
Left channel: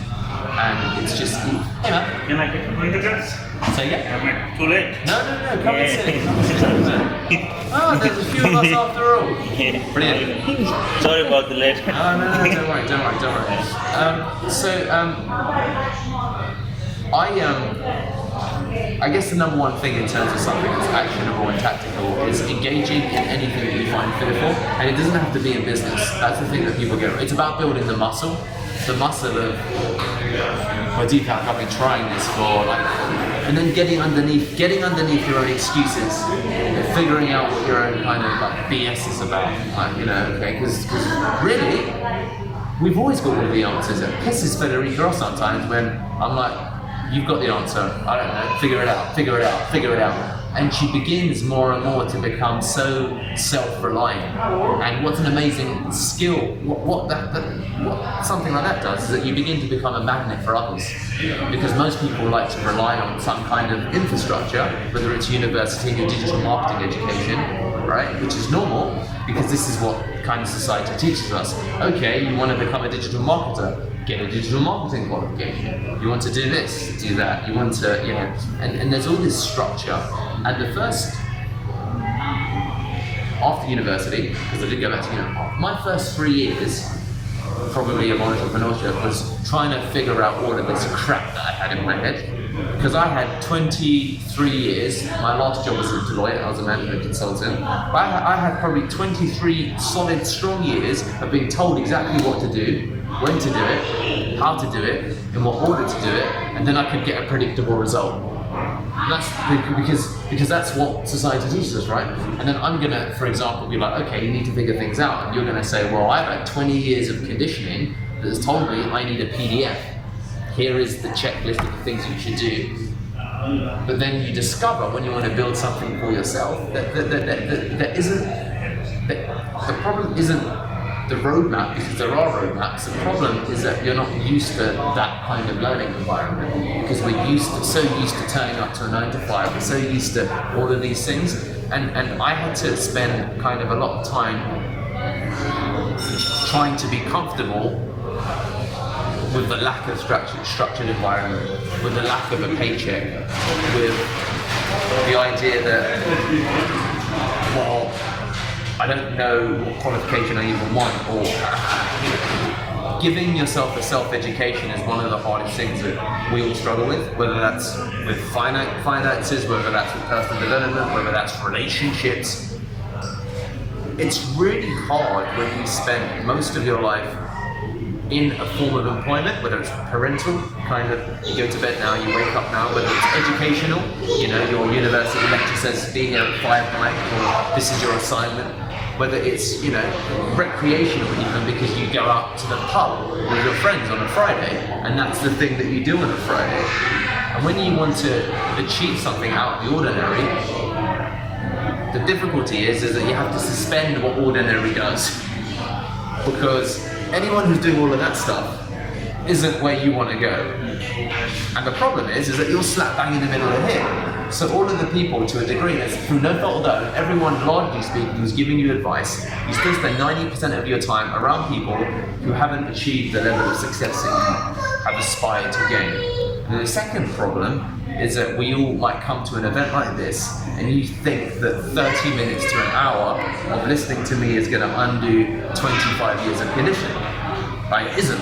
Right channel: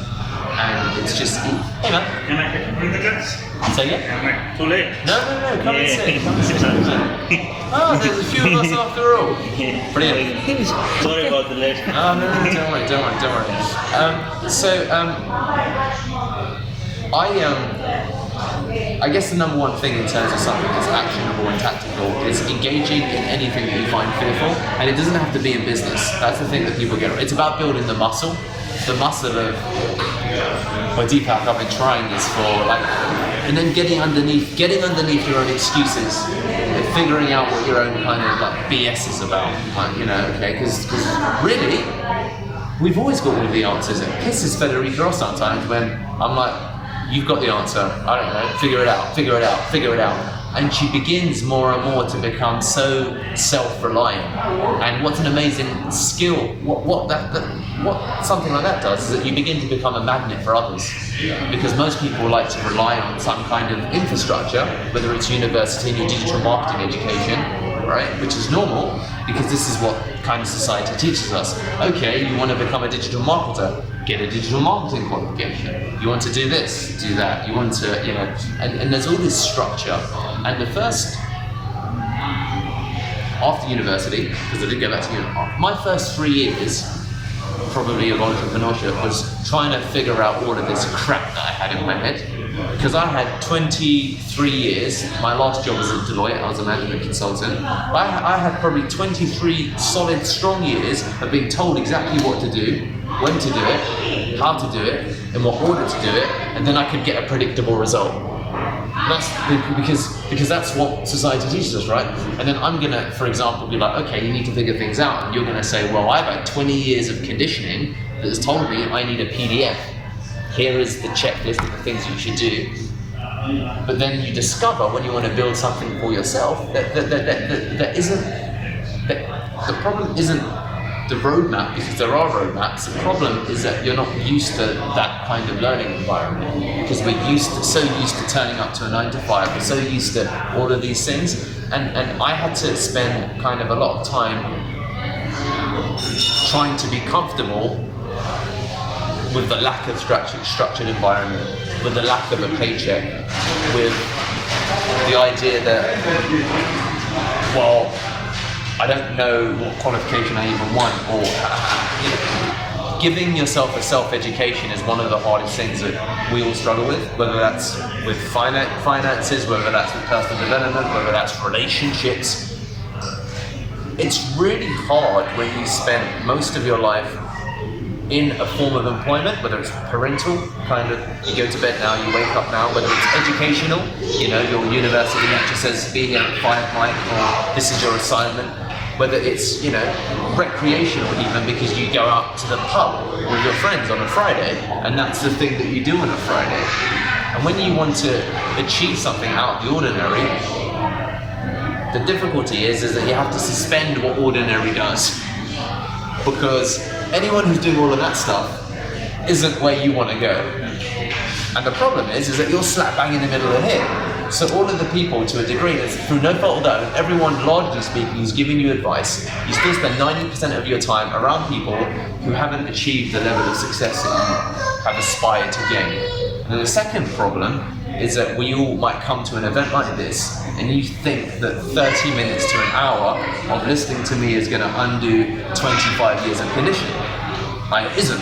And it's just, hey man. Can I get one of the guys? So yeah? Am I too late? No, come and sit. Come and sit. Oh, there's a few of us after all. Brilliant. Sorry about the late. Oh, no, don't worry. I guess the #1 thing in terms of something that's actionable and tactical is engaging in anything that you find fearful, and it doesn't have to be in business. That's the thing that people get. It's about building the muscle of. Well, Deepak, I've been trying this for and then getting underneath your own excuses, and figuring out what your own kind of BS is about, okay? Because really, we've always got all of the answers. It pisses Federica off sometimes when I'm like, you've got the answer, I don't know, figure it out. And she begins more and more to become so self-reliant. And what's an amazing skill, what something like that does is that you begin to become a magnet for others. Because most people like to rely on some kind of infrastructure, whether it's university and your digital marketing education, right? Which is normal, because this is what kind of society teaches us. Okay, you want to become a digital marketer, get a digital marketing qualification. You want to do this, do that. You want to, and there's all this structure. And the first, after university, because I did go back to university, my first 3 years, probably of entrepreneurship, was trying to figure out all of this crap that I had in my head. Because I had 23 years, my last job was at Deloitte, I was a management consultant, but I had probably 23 solid, strong years of being told exactly what to do, when to do it, how to do it, in what order to do it, and then I could get a predictable result. That's because that's what society teaches us, right? And then I'm gonna, for example, be like, okay, you need to figure things out, and you're gonna say, well, I've had 20 years of conditioning that has told me I need a PDF. Here is the checklist of the things you should do. But then you discover when you want to build something for yourself that the problem isn't the roadmap, because there are roadmaps. The problem is that you're not used to that kind of learning environment, because we're so used to turning up to a 9 to 5. We're so used to all of these things, and I had to spend kind of a lot of time trying to be comfortable with the lack of structured environment, with the lack of a paycheck, with the idea that, well, I don't know what qualification I even want, or giving yourself a self-education is one of the hardest things that we all struggle with, whether that's with finances, whether that's with personal development, whether that's relationships. It's really hard when you spend most of your life in a form of employment, whether it's parental, kind of, you go to bed now, you wake up now, whether it's educational, your university lecture says be here at 5, Mike, or this is your assignment, whether it's, recreational even, because you go out to the pub with your friends on a Friday, and that's the thing that you do on a Friday. And when you want to achieve something out of the ordinary, the difficulty is that you have to suspend what ordinary does. Because anyone who's doing all of that stuff isn't where you want to go. And the problem is that you're slap bang in the middle of here. So all of the people, to a degree, that's through no fault of their own, everyone largely speaking who's giving you advice, you still spend 90% of your time around people who haven't achieved the level of success that you have aspired to gain. And then the second problem is that we all might come to an event like this and you think that 30 minutes to an hour of listening to me is going to undo 25 years of conditioning. Right? It isn't.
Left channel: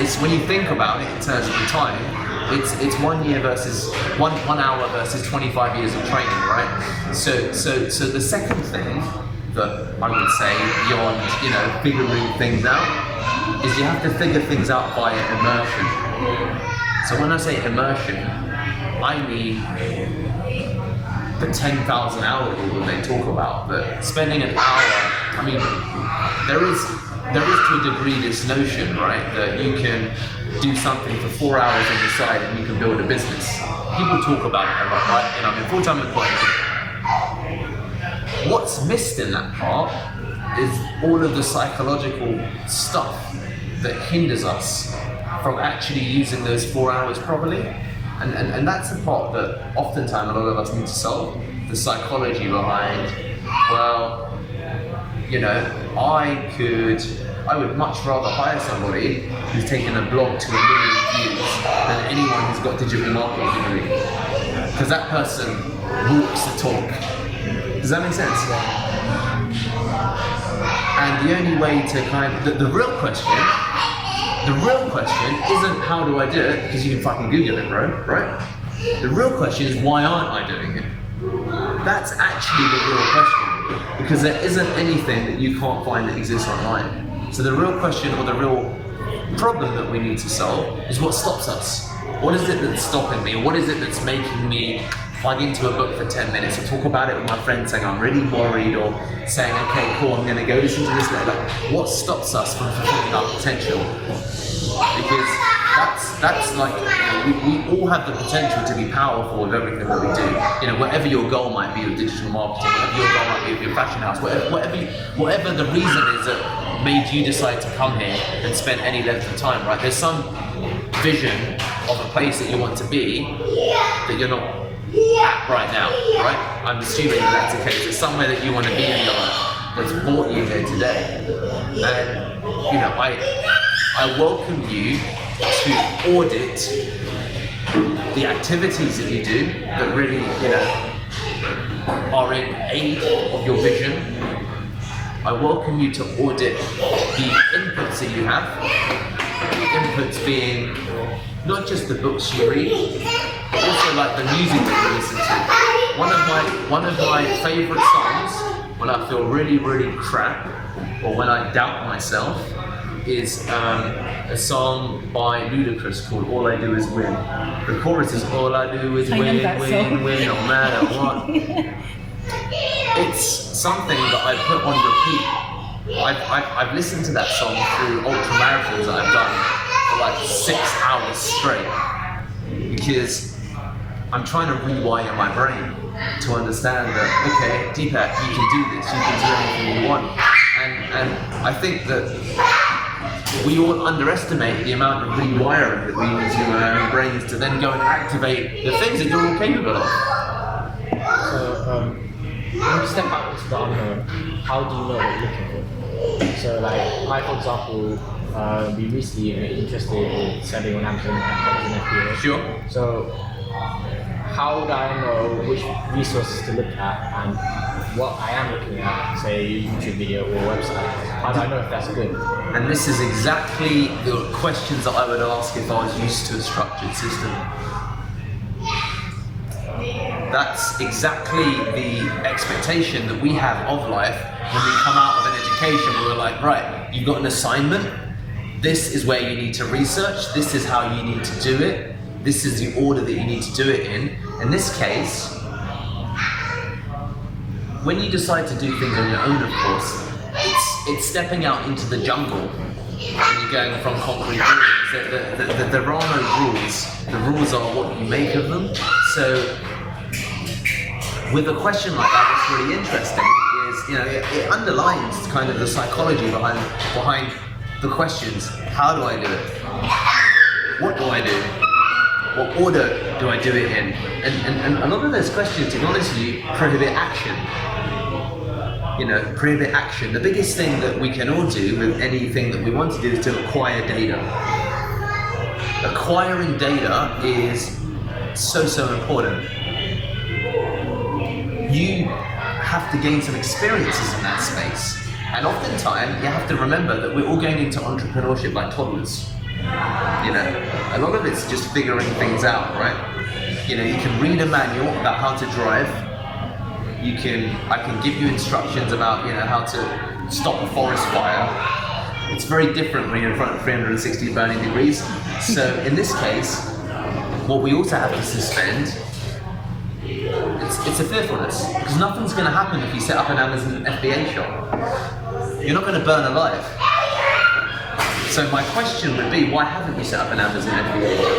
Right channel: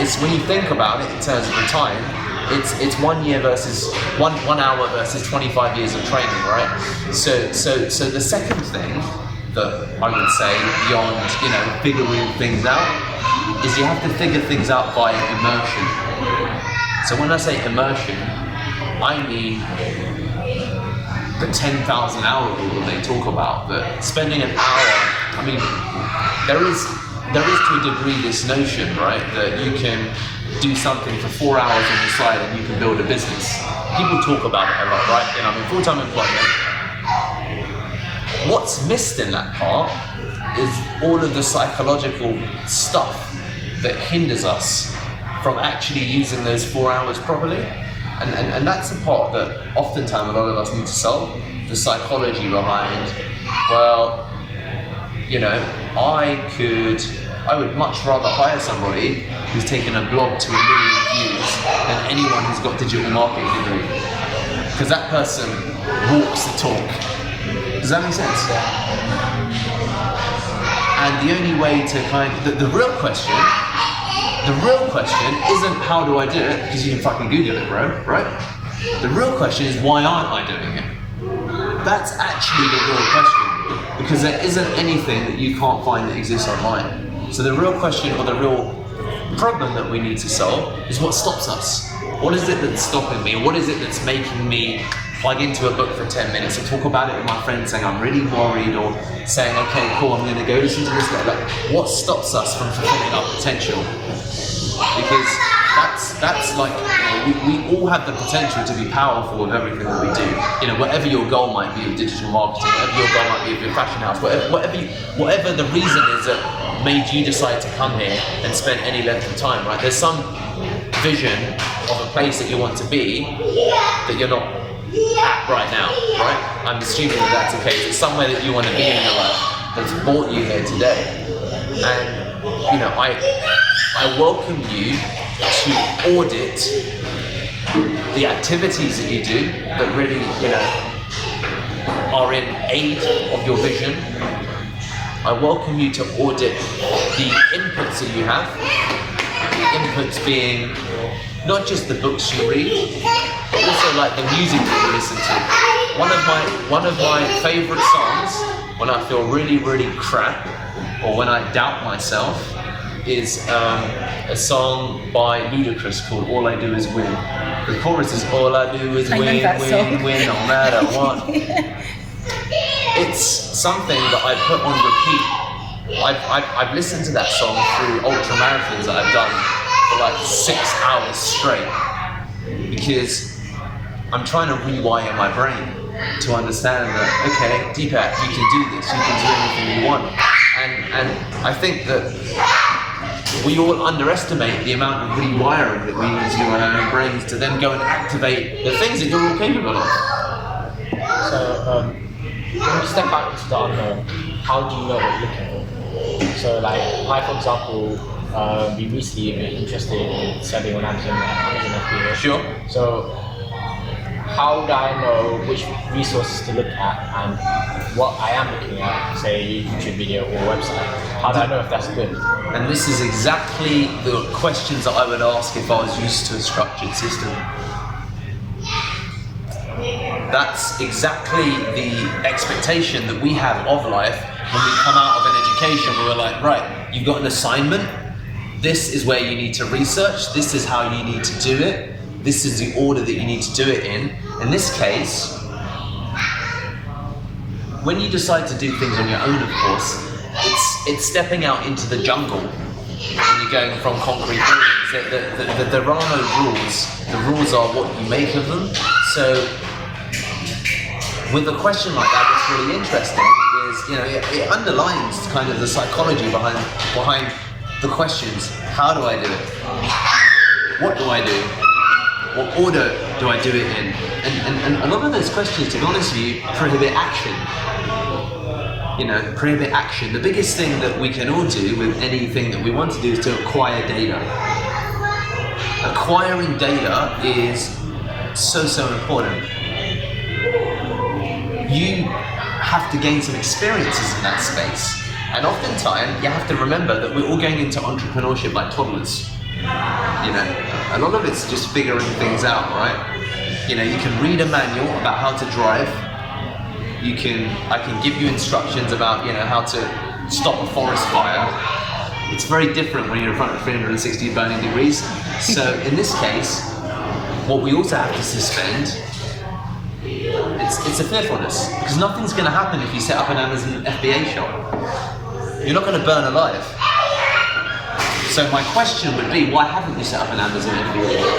It's when you think about it in terms of the time, it's 1 year versus one hour versus 25 years of training, right? So the second thing that I would say beyond, figuring things out is you have to figure things out via immersion. So when I say immersion, I mean the 10,000 hour rule that they talk about, that spending an hour, there is to a degree this notion, right, that you can do something for 4 hours on the side and you can build a business. People talk about it a lot, right? Full-time employment. What's missed in that part is all of the psychological stuff that hinders us from actually using those 4 hours properly. And that's the part that oftentimes a lot of us need to solve. The psychology behind, I would much rather hire somebody who's taken a blog to 1 million views than anyone who's got digital marketing degree. Because that person walks the talk. Does that make sense? And the only way to the real question isn't how do I do it, because you can fucking Google it, bro, right? The real question is why aren't I doing it? That's actually the real question, because there isn't anything that you can't find that exists online. So the real question, or the real problem that we need to solve, is what stops us. What is it that's stopping me? What is it that's making me plug into a book for 10 minutes or talk about it with my friends saying I'm really worried, or saying, okay, cool, I'm going to go listen to this. Like, what stops us from fulfilling our potential? Because that's like, we all have the potential to be powerful with everything that we do. Whatever your goal might be with digital marketing, whatever your goal might be with your fashion house, whatever the reason is that made you decide to come here and spend any length of time, right? There's some vision of a place that you want to be that you're not at right now, right? I'm assuming that that's the case. There's somewhere that you want to be in your life that's brought you here today. And, I welcome you to audit the activities that you do that really, are in aid of your vision. I welcome you to audit the inputs that you have. The inputs being not just the books you read, but also like the music that you listen to. One of my favorite songs when I feel really, really crap, or when I doubt myself, is a song by Ludacris called All I Do Is Win. The chorus is all I do is win, win, win, no matter what. It's something that I put on repeat. I've listened to that song through ultra marathons that I've done for like 6 hours straight, because I'm trying to rewire my brain to understand that, okay, Deepak, you can do this, you can do anything you want. And I think that we all underestimate the amount of rewiring that we need to do on our own brains to then go and activate the things that you're all capable of. So, when you step back into the unknown, how do you know what you're looking for? So, like, for example, we recently were interested in selling on Amazon FBA. Sure. So, how would I know which resources to look at and what I am looking at, say a YouTube video or a website? How do I know if that's good? And this is exactly the questions that I would ask if I was used to a structured system. That's exactly the expectation that we have of life when we come out of an education where we're like, right, you've got an assignment, this is where you need to research, this is how you need to do it, this is the order that you need to do it in. In this case, when you decide to do things on your own, of course, it's stepping out into the jungle when you're going from concrete buildings. There are no rules. The rules are what you make of them. So with a question like that, what's really interesting is, it underlines kind of the psychology behind the questions. How do I do it? What do I do? What order do I do it in? And a lot of those questions, to be honest with you, prohibit action. Prohibit action. The biggest thing that we can all do with anything that we want to do is to acquire data. Acquiring data is so important. You have to gain some experiences in that space. And oftentimes, you have to remember that we're all going into entrepreneurship like toddlers. A lot of it's just figuring things out, right? You can read a manual about how to drive. I can give you instructions about, how to stop a forest fire. It's very different when you're in front of 360 burning degrees. So in this case, what we also have to suspend, it's a fearfulness, because nothing's going to happen if you set up an Amazon FBA shop. You're not going to burn alive. So my question would be, why haven't you set up an Amazon FBA shop?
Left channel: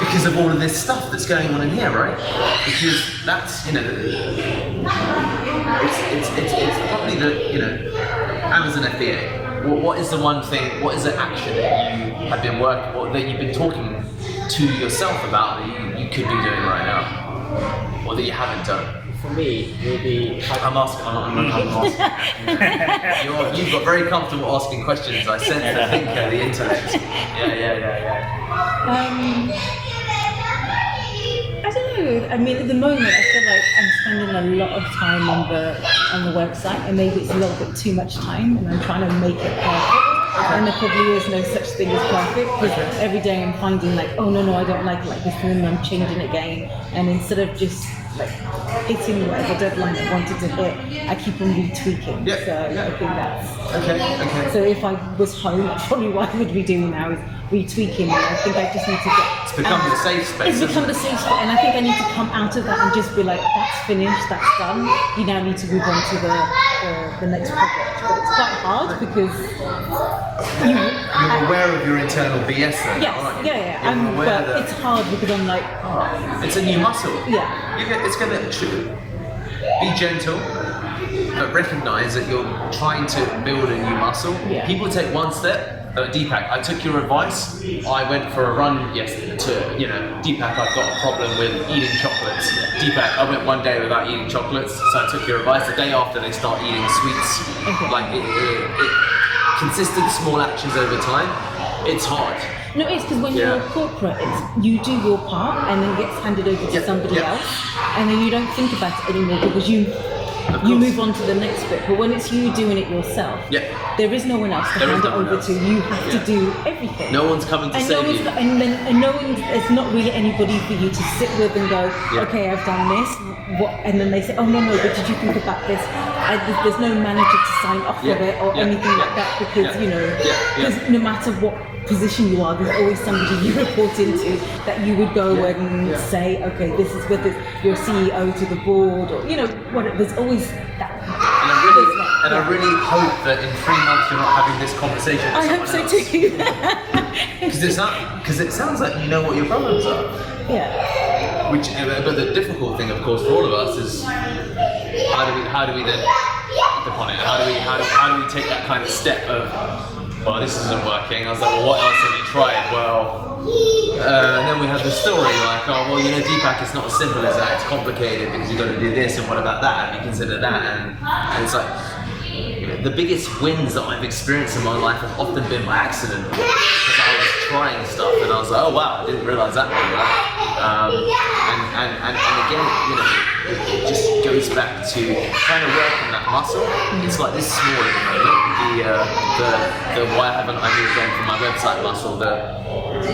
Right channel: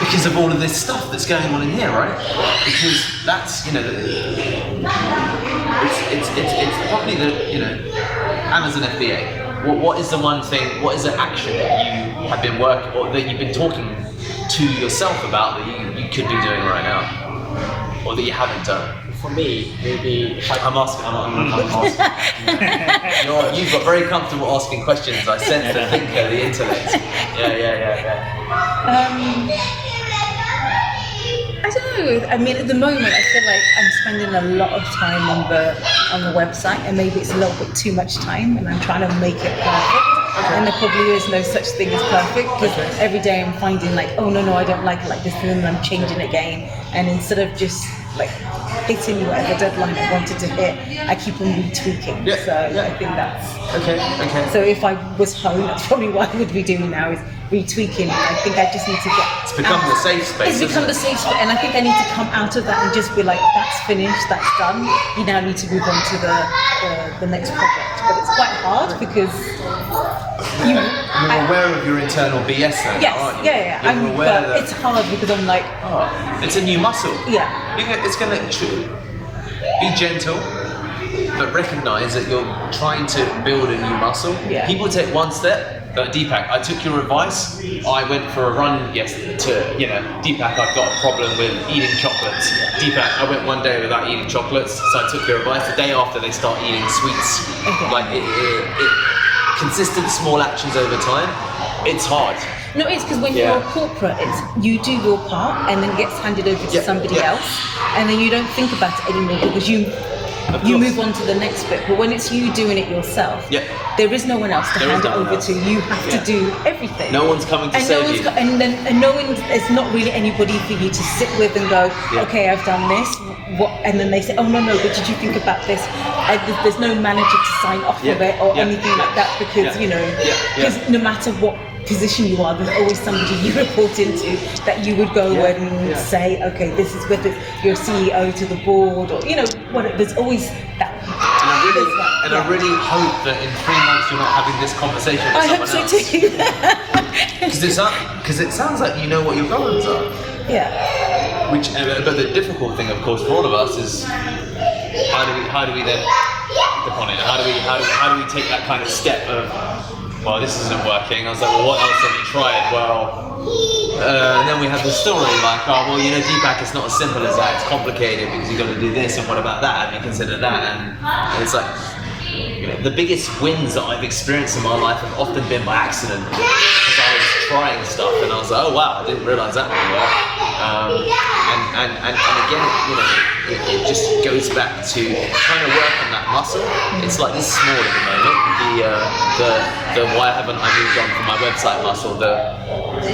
Because of all of this stuff that's going on in here, right? Because that's, it's probably the, Amazon FBA. What is the one thing, what is the action that you have been working, or that you've been talking to yourself about that you could be doing right now? Or that you haven't done? For me, maybe I'm asking. You've got very comfortable asking questions. I sense the thinker, the intellect. Yeah. I don't know. I mean, at the moment, I feel like I'm spending a lot of time on the website, and maybe it's a little bit too much time, and I'm trying to make it perfect. Okay. And there probably is no such thing as perfect. Because every day I'm finding like, oh no, I don't like it like this, and then I'm changing it again. And instead of just like hitting whatever deadline I wanted to hit, I keep on retweaking. Yeah. So I think that's Okay. So if I was home, that's probably what I would be doing now, is retweaking it. I think I just need to get... It's become the safe space, It's become the isn't it? safe space, and I think I need to come out of that and just be like, that's finished, that's done. You now need to move on to the next project. But it's quite hard because... You're aware of your internal BS though, Yes, aren't you? yeah. You're aware but that... it's hard because I'm like... it's a new muscle. Yeah. It's going to be gentle, but recognize that you're trying to build a new muscle. Yeah. People take one step. Deepak, I took your advice. I went for a run yesterday Deepak, I've got a problem with eating chocolates. Deepak, I went one day without eating chocolates, so I took your advice. The day after, they start eating sweets. Like consistent small actions over time, it's hard. No, it's because when you're a corporate, you do your part and then it gets handed over to somebody else, and then you don't think about it anymore because you move on to the next bit. But when it's you doing it yourself, there is no one else to hand it over to. You have to do everything. No one's coming to save you. There's not really anybody for you to sit with and go, okay, I've done this. And then they say, oh no, but did you think about this? There's no manager to sign off of it or anything like that because because no matter what position you are, there's always somebody you report into that you would go and say, okay, this is whether your CEO to the board or what. There's always that. And I really hope that in 3 months you're not having this conversation with someone else. I hope so too. Because it sounds like you know what your problems are. Yeah. But the difficult thing, of course, for all of us is how do we then act upon it? How do we take that kind of step of, well, this isn't working. I was like, well, what else have you tried? Well, and then we have the story like, oh, well, Deepak, it's not as simple as that. It's complicated because you've got to do this and what about that? And you consider that, and it's like, the biggest wins that I've experienced in my life have often been by accident because I was trying stuff and I was like, oh wow, I didn't realize that would work. And again, it just goes back to trying to work on that muscle. It's like this small at the moment. The why haven't I moved on from my website muscle?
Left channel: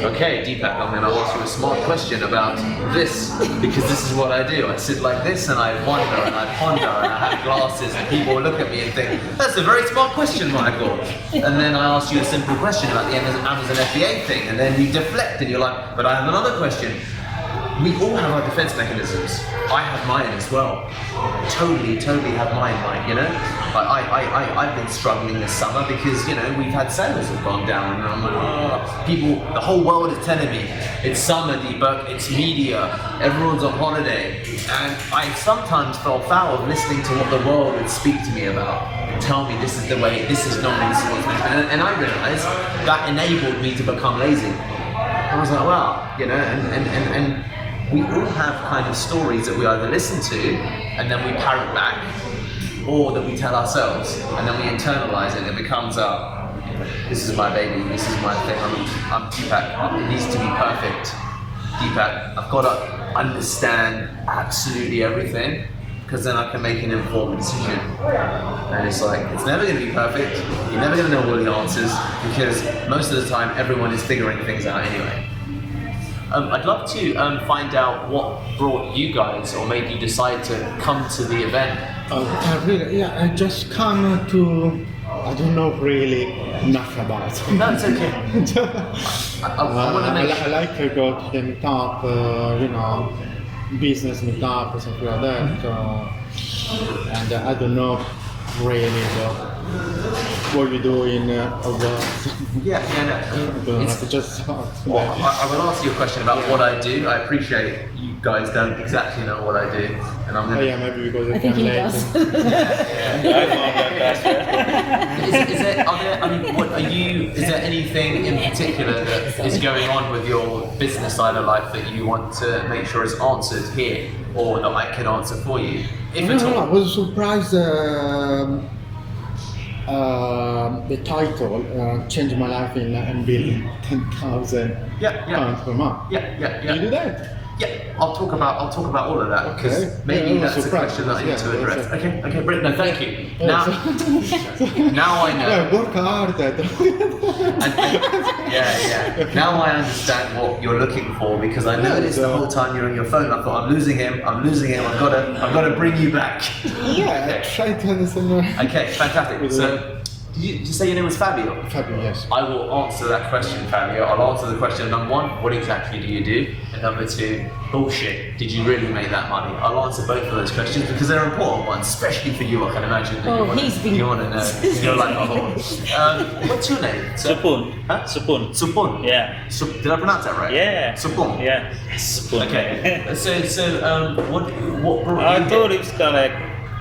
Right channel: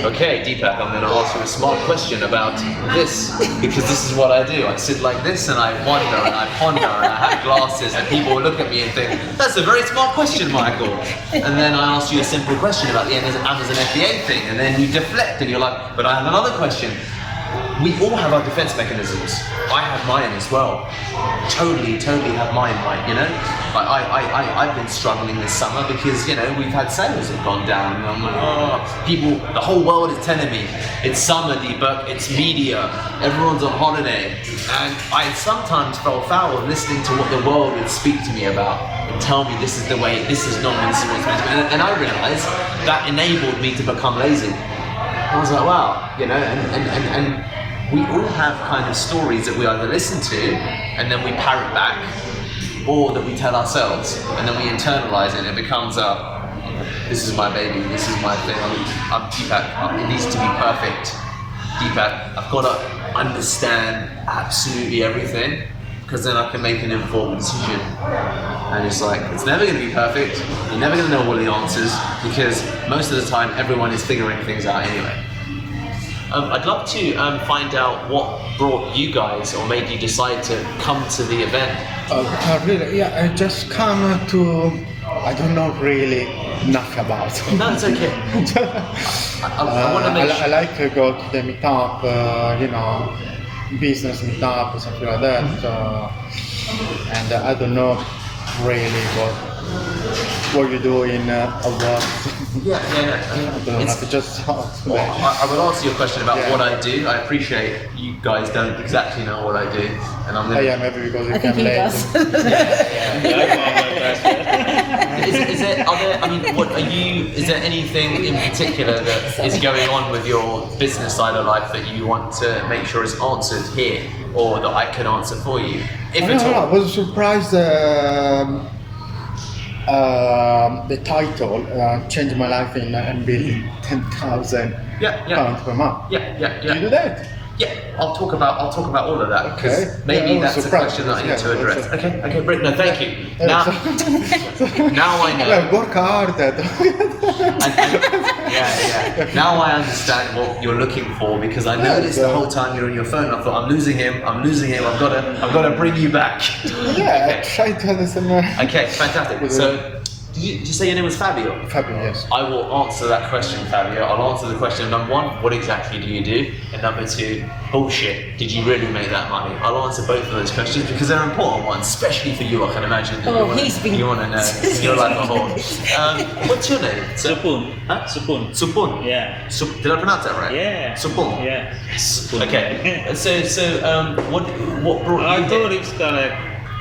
Okay, Deepak, I'm going to ask you a smart question about this because this is what I do. I sit like this and I wonder and I ponder and I have glasses and people will look at me and think, that's a very smart question, Michael. And then I ask you a simple question about the Amazon FBA thing and then you deflect and you're like, but I have another question. We all have our defense mechanisms. I have mine as well. Totally have mine, I've been struggling this summer because, we've had sales have gone down and I'm like, the whole world is telling me, it's summer, Deepak, it's media, everyone's on holiday. And I sometimes fell foul of listening to what the world would speak to me about. tell me this is the way, this is normal, this is what's meant to be. And I realised that enabled me to become lazy. I was like, wow, you know, and we all have kind of stories that we either listen to and then we parrot back, or that we tell ourselves and then we internalize it and it becomes this is my baby, this is my thing, I'm Deepak, it needs to be perfect. Deepak, I've got to understand absolutely everything because then I can make an informed decision. And it's like, it's never going to be perfect, you're never going to know all the answers because most of the time everyone is figuring things out anyway. I'd love to find out what brought you guys or made you decide to come to the event. Really, yeah, I just come to, I don't know really enough about it. No, it's okay. I want to make I like to go to the meetup, you know, business meetup or something like that. And I don't know really what you do in awards. Yeah, no. I don't know, It's, just well, I will answer your question about what I do. I appreciate you guys don't exactly know what I do, and I'm gonna. yeah, maybe because I you think can he let does. Is there? Are there? I mean, what are you? Is there anything in particular that is going on with your business side of life that you want to make sure is answered here, or that I can answer for you, if at I all? was surprised the title changed my life in building 10,000 Yeah. pounds per month. Yeah. Do you do that? Yeah, I'll talk about all of that because Okay. maybe Yeah, that's a surprise question that I need us, to yeah, address. that's Okay, Brit. No, thank you. Yeah, Now, now I know. Yeah, work hard. Yeah. Now I understand what you're looking for because I noticed the whole time you're on your phone. I thought, I'm losing him. I've got to bring you back. Yeah, Okay. try to understand. Okay, fantastic. So, did you say your name was Fabio? Fabio, yes. I will answer that question, Fabio. I'll answer the question number one, what exactly do you do? And number two, bullshit, did you really make that money? I'll answer both of those questions because they're important ones, especially for you. I can imagine that you want to know. You're like a whore. What's your name? Supun. Huh? Supun. Supun? Yeah. Did I pronounce that right? Yeah. Supun? Yeah. Supun. Okay. What brought I you thought here? it's kind of like,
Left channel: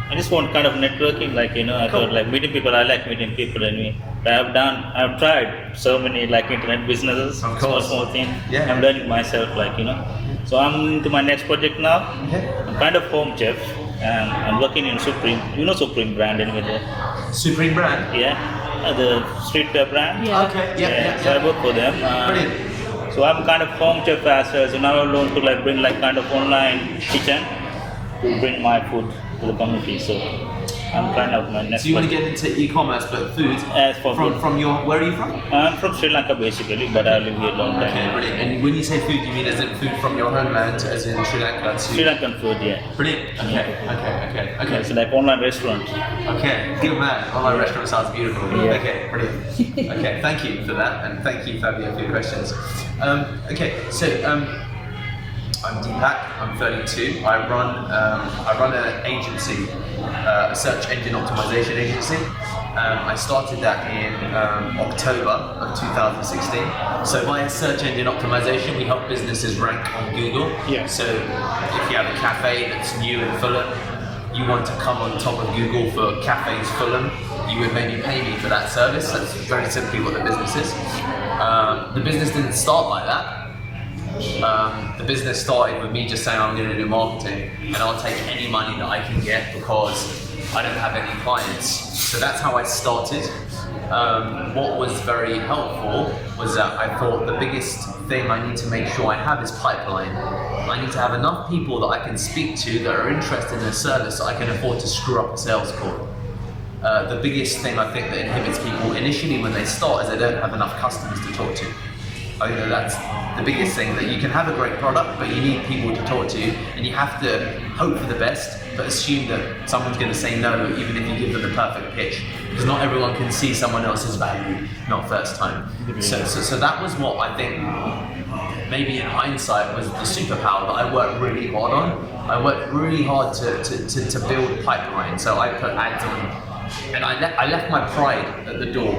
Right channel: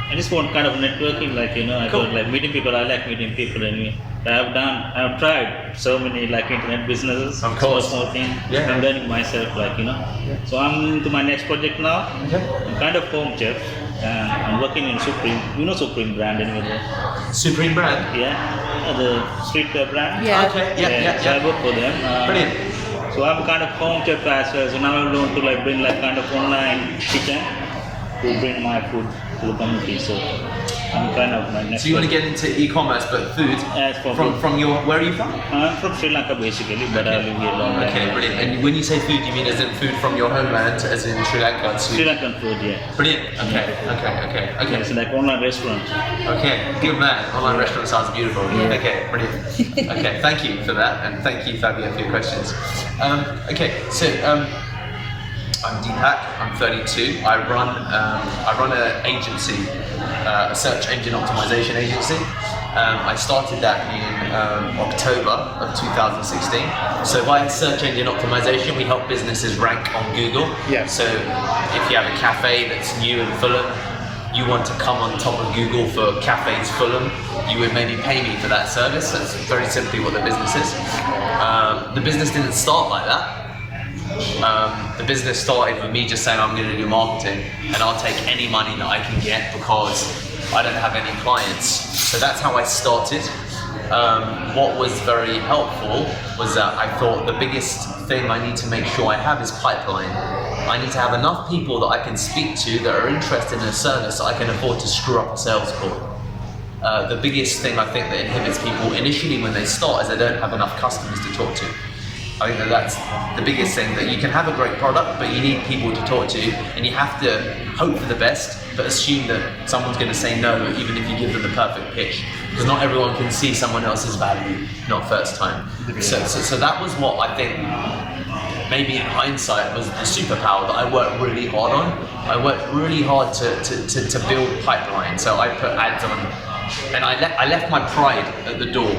I just want kind of networking, like, you know, I Cool. thought like meeting people, I like meeting people anyway. I've tried so many like internet businesses, Of course. small thing. Yeah. I'm learning myself, like, you know. So I'm into my next project now. Okay. I'm kind of home chef and I'm working in Supreme, you know Supreme brand anyway. Supreme brand? Yeah, the streetwear brand. Yeah. Okay, So I work for them. Brilliant. So I'm kind of home chef as well. So now I learn to like bring like kind of online kitchen to bring my food to the community. So I'm kind of my next. So you want to get into e-commerce, but food? As for From food. your, where are you from? I'm from Sri Lanka basically, but I live here long time. Okay, brilliant. And when you say food, you mean as in food from your homeland, as in Sri Lanka to... Sri Lankan food, yeah. Brilliant. Okay. It's like online restaurant. Okay, good man. Online restaurant sounds beautiful. Yeah. Okay, brilliant. Okay, thank you for that, and thank you, Fabio, for your questions. Okay, so I'm Deepak. I'm 32. I run an agency, a search engine optimization agency. I started that in October of 2016. So via search engine optimization, we help businesses rank on Google. Yeah. So if you have a cafe that's new in Fulham, you want to come on top of Google for Cafes Fulham, you would maybe pay me for that service. That's very simply what the business is. The business didn't start like that. The business started with me just saying I'm going to do marketing and I'll take any money that I can get because I don't have any clients. So that's how I started. What was very helpful was that I thought the biggest thing I need to make sure I have is pipeline. I need to have enough people that I can speak to that are interested in a service that I can afford to screw up a sales call. The biggest thing I think that inhibits people initially when they start is they don't have enough customers to talk to. I think that's the biggest thing, that you can have a great product, but you need people to talk to, and you have to hope for the best, but assume that someone's going to say no, even if you give them the perfect pitch, because not everyone can see someone else's value, not first time. So that was what I think, maybe in hindsight, was the superpower that I worked really hard on. I worked really hard to build pipeline. So I put ads on, and I left my pride at the door.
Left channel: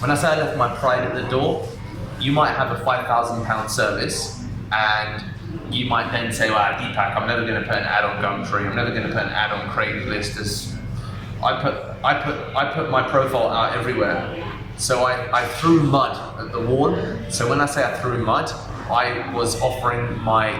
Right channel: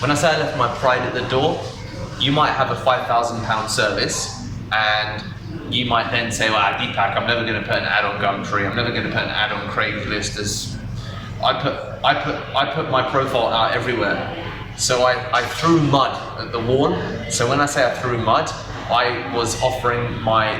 When I say I left my pride at the door, you might have a £5,000 service, and you might then say, well, Deepak, I'm never going to put an ad on Gumtree, I'm never going to put an ad on Craigslist as I put my profile out everywhere. So I threw mud at the wall. So when I say I threw mud, I was offering my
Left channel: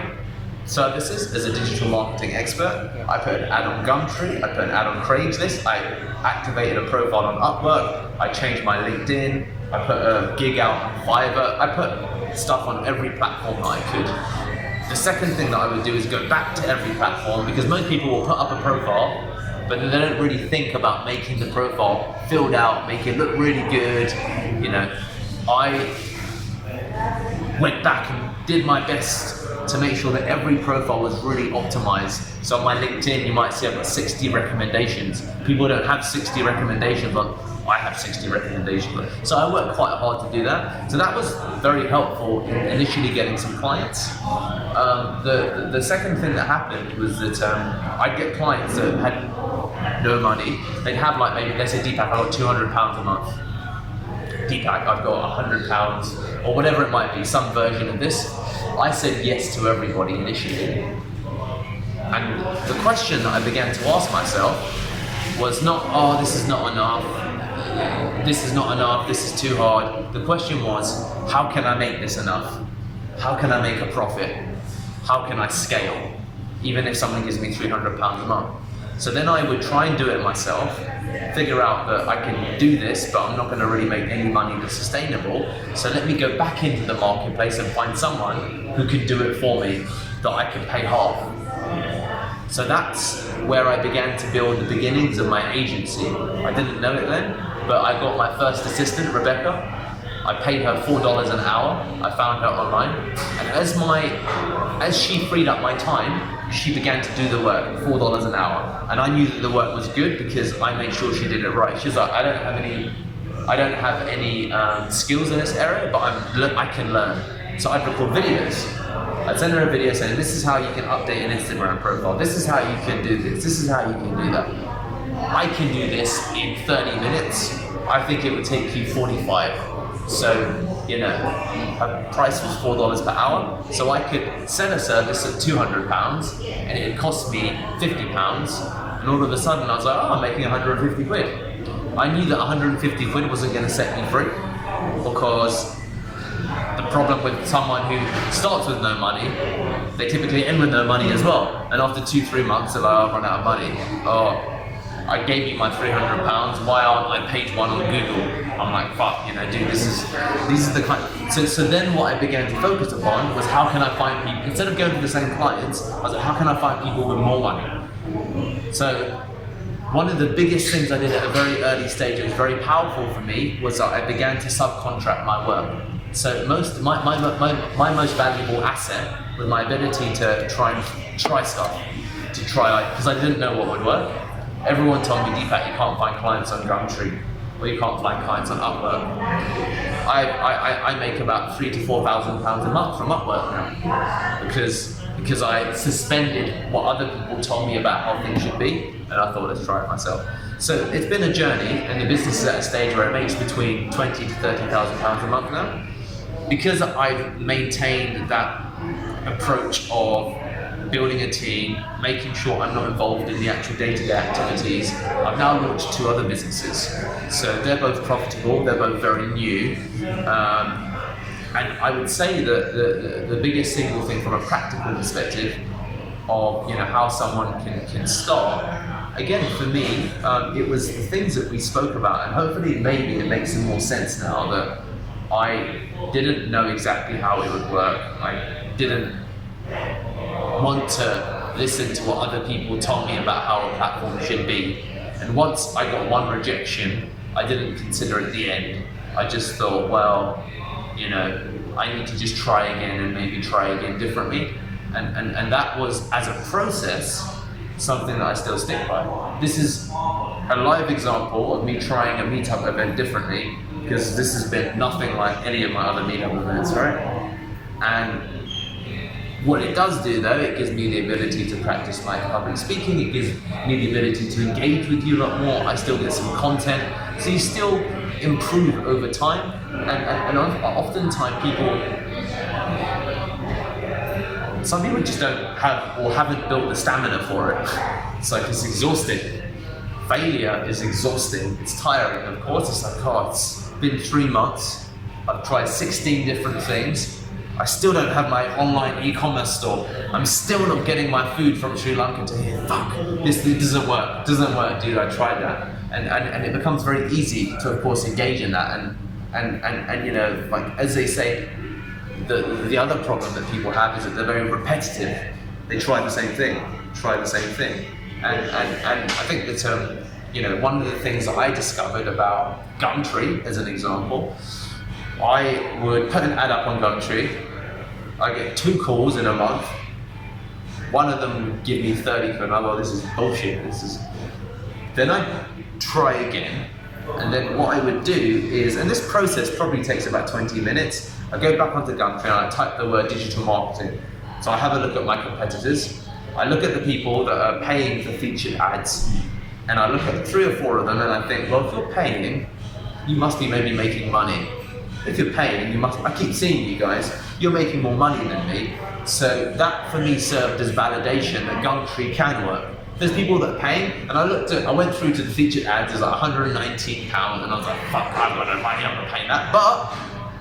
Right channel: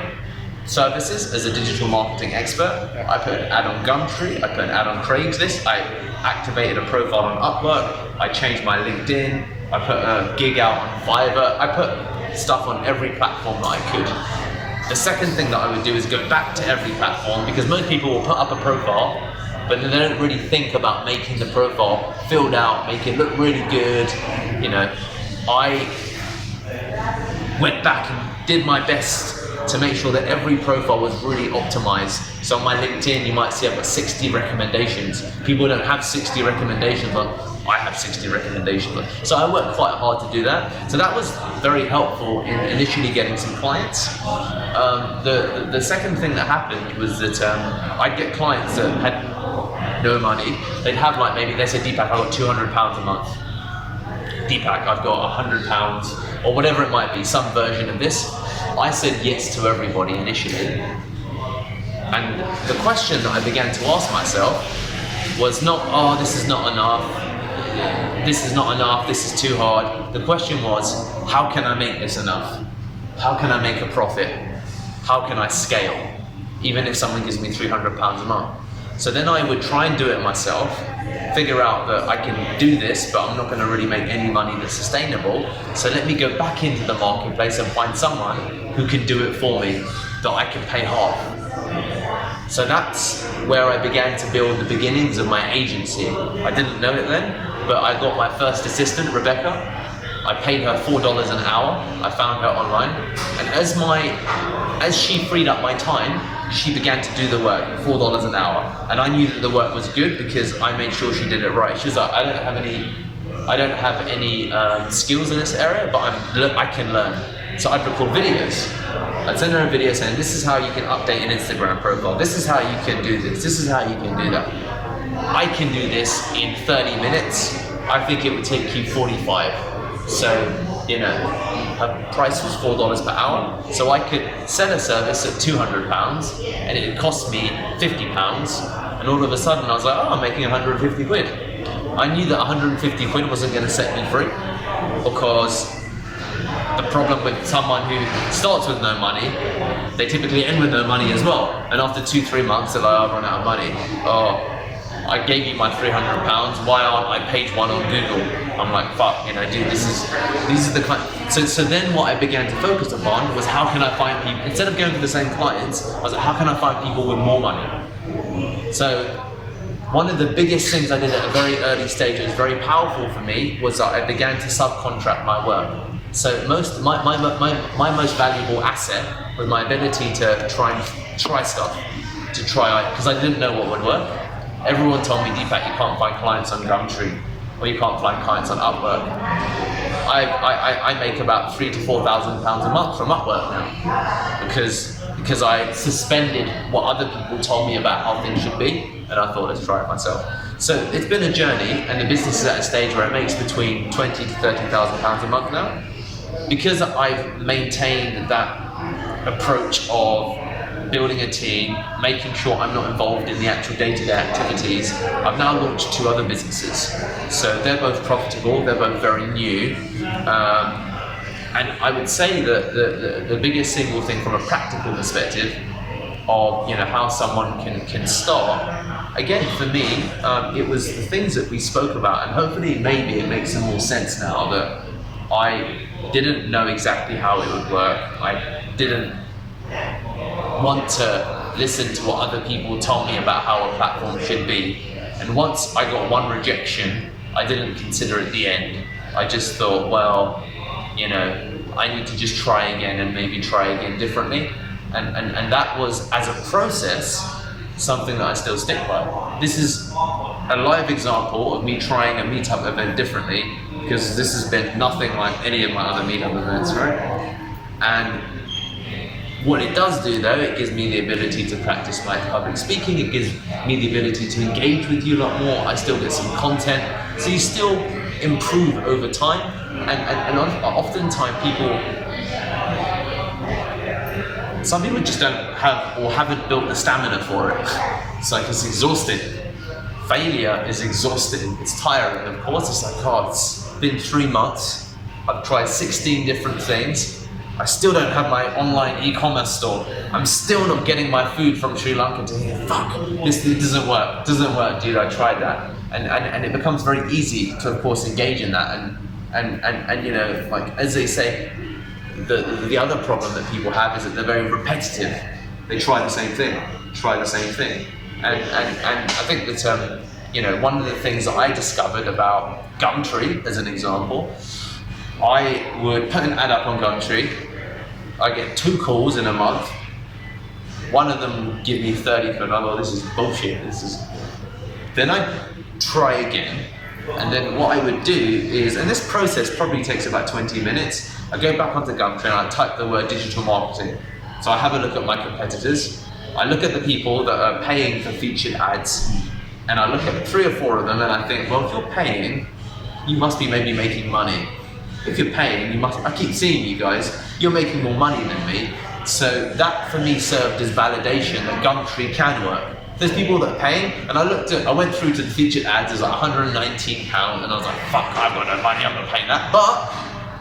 services as a digital marketing expert. I put an ad on Gumtree, I put an ad on Craigslist, I activated a profile on Upwork, I changed my LinkedIn, I put a gig out on Fiverr, I put stuff on every platform that I could. The second thing that I would do is go back to every platform, because most people will put up a profile, but they don't really think about making the profile filled out, make it look really good. You know, I went back and did my best to make sure that every profile was really optimized. So on my LinkedIn, you might see I've got 60 recommendations. People don't have 60 recommendations, but I have 60 recommendations. So I worked quite hard to do that. So that was very helpful in initially getting some clients. The second thing that happened was that I'd get clients that had no money. They'd have like, maybe they say, Deepak, I've got £200 a month. Deepak, I've got £100, or whatever it might be, some version of this. I said yes to everybody initially. And the question that I began to ask myself was not, oh, this is not enough, this is not enough, this is too hard. The question was, how can I make this enough? How can I make a profit? How can I scale? Even if someone gives me £300 a month. So then I would try and do it myself, figure out that I can do this, but I'm not going to really make any money that's sustainable. So let me go back into the marketplace and find someone who can do it for me, that I can pay half. So that's where I began to build the beginnings of my agency. I didn't know it then, but I got my first assistant, Rebecca. I paid her $4 an hour. I found her online. And as she freed up my time, she began to do the work, $4 an hour. And I knew that the work was good because I made sure she did it right. She was like, I don't have any skills in this area, but I can learn. So I'd record videos. I'd send her a video saying, this is how you can update an Instagram profile. This is how you can do this. This is how you can do that. I can do this in 30 minutes. I think it would take you 45. So, you know, her price was $4 per hour. So I could sell a service at £200 and it would cost me £50. And all of a sudden I was like, oh, I'm making 150 quid. I knew that 150 quid wasn't going to set me free, because the problem with someone who starts with no money, they typically end with no money as well. And after 2-3 months, they're like, oh, I've run out of money. Oh, I gave you my £300. Why aren't I page one on Google? I'm like, fuck, you know, dude, these are the kind. So then what I began to focus upon was, how can I find people, instead of going to the same clients, I was like, how can I find people with more money? So one of the biggest things I did at a very early stage that was very powerful for me was that I began to subcontract my work. So my most valuable asset was my ability to try stuff, because I didn't know what would work. Everyone told me, Deepak, you can't find clients on Gumtree, or you can't find clients on Upwork. I make about £3,000 to £4,000 a month from Upwork now, because I suspended what other people told me about how things should be, and I thought, let's try it myself. So it's been a journey, and the business is at a stage where it makes between £20,000 to £30,000 a month now. Because I've maintained that approach of building a team, making sure I'm not involved in the actual day-to-day activities, I've now launched 2 other businesses. So they're both profitable, they're both very new. And I would say that the biggest single thing from a practical perspective of, you know, how someone can start, again, for me, it was the things that we spoke about, and hopefully maybe it makes some more sense now that I didn't know exactly how it would work. I didn't want to listen to what other people told me about how a platform should be. And once I got one rejection, I didn't consider it the end. I just thought, well, you know, I need to just try again and maybe try again differently. And that was, as a process, something that I still stick by. This is a live example of me trying a meetup event differently, because this has been nothing like any of my other meetup events, right? And what it does do, though, it gives me the ability to practice my public speaking, it gives me the ability to engage with you a lot more, I still get some content, so you still improve over time, and oftentimes some people just don't have or haven't built the stamina for it. It's like, it's exhausting. failure is exhausting. It's tiring, of course. It's like, oh, it's been 3 months. I've tried 16 different things. I still don't have my online e-commerce store. I'm still not getting my food from Sri Lanka to here. Fuck, this doesn't work. It doesn't work, dude. I tried that. And it becomes very easy to, of course, engage in that. And you know, like, as they say, the other problem that people have is that they're very repetitive. They try the same thing, And I think that, you know, one of the things that I discovered about Gumtree, as an example, I would put an ad up on Gumtree. I get 2 calls in a month. One of them would give me 30 quid. Oh, this is bullshit. Then I'd try again. And then what I would do is, and this process probably takes about 20 minutes, I go back onto Gumtree and I type the word digital marketing. So I have a look at my competitors. I look at the people that are paying for featured ads, and I look at 3 or 4 of them and I think, well, if you're paying, you must be maybe making money. If you're paying, you must, I keep seeing you guys, you're making more money than me. So that for me served as validation that Gumtree can work. There's people that are paying, and I went through to the featured ads, there's like £119, and I was like, fuck, I've got no money, I'm not paying that. But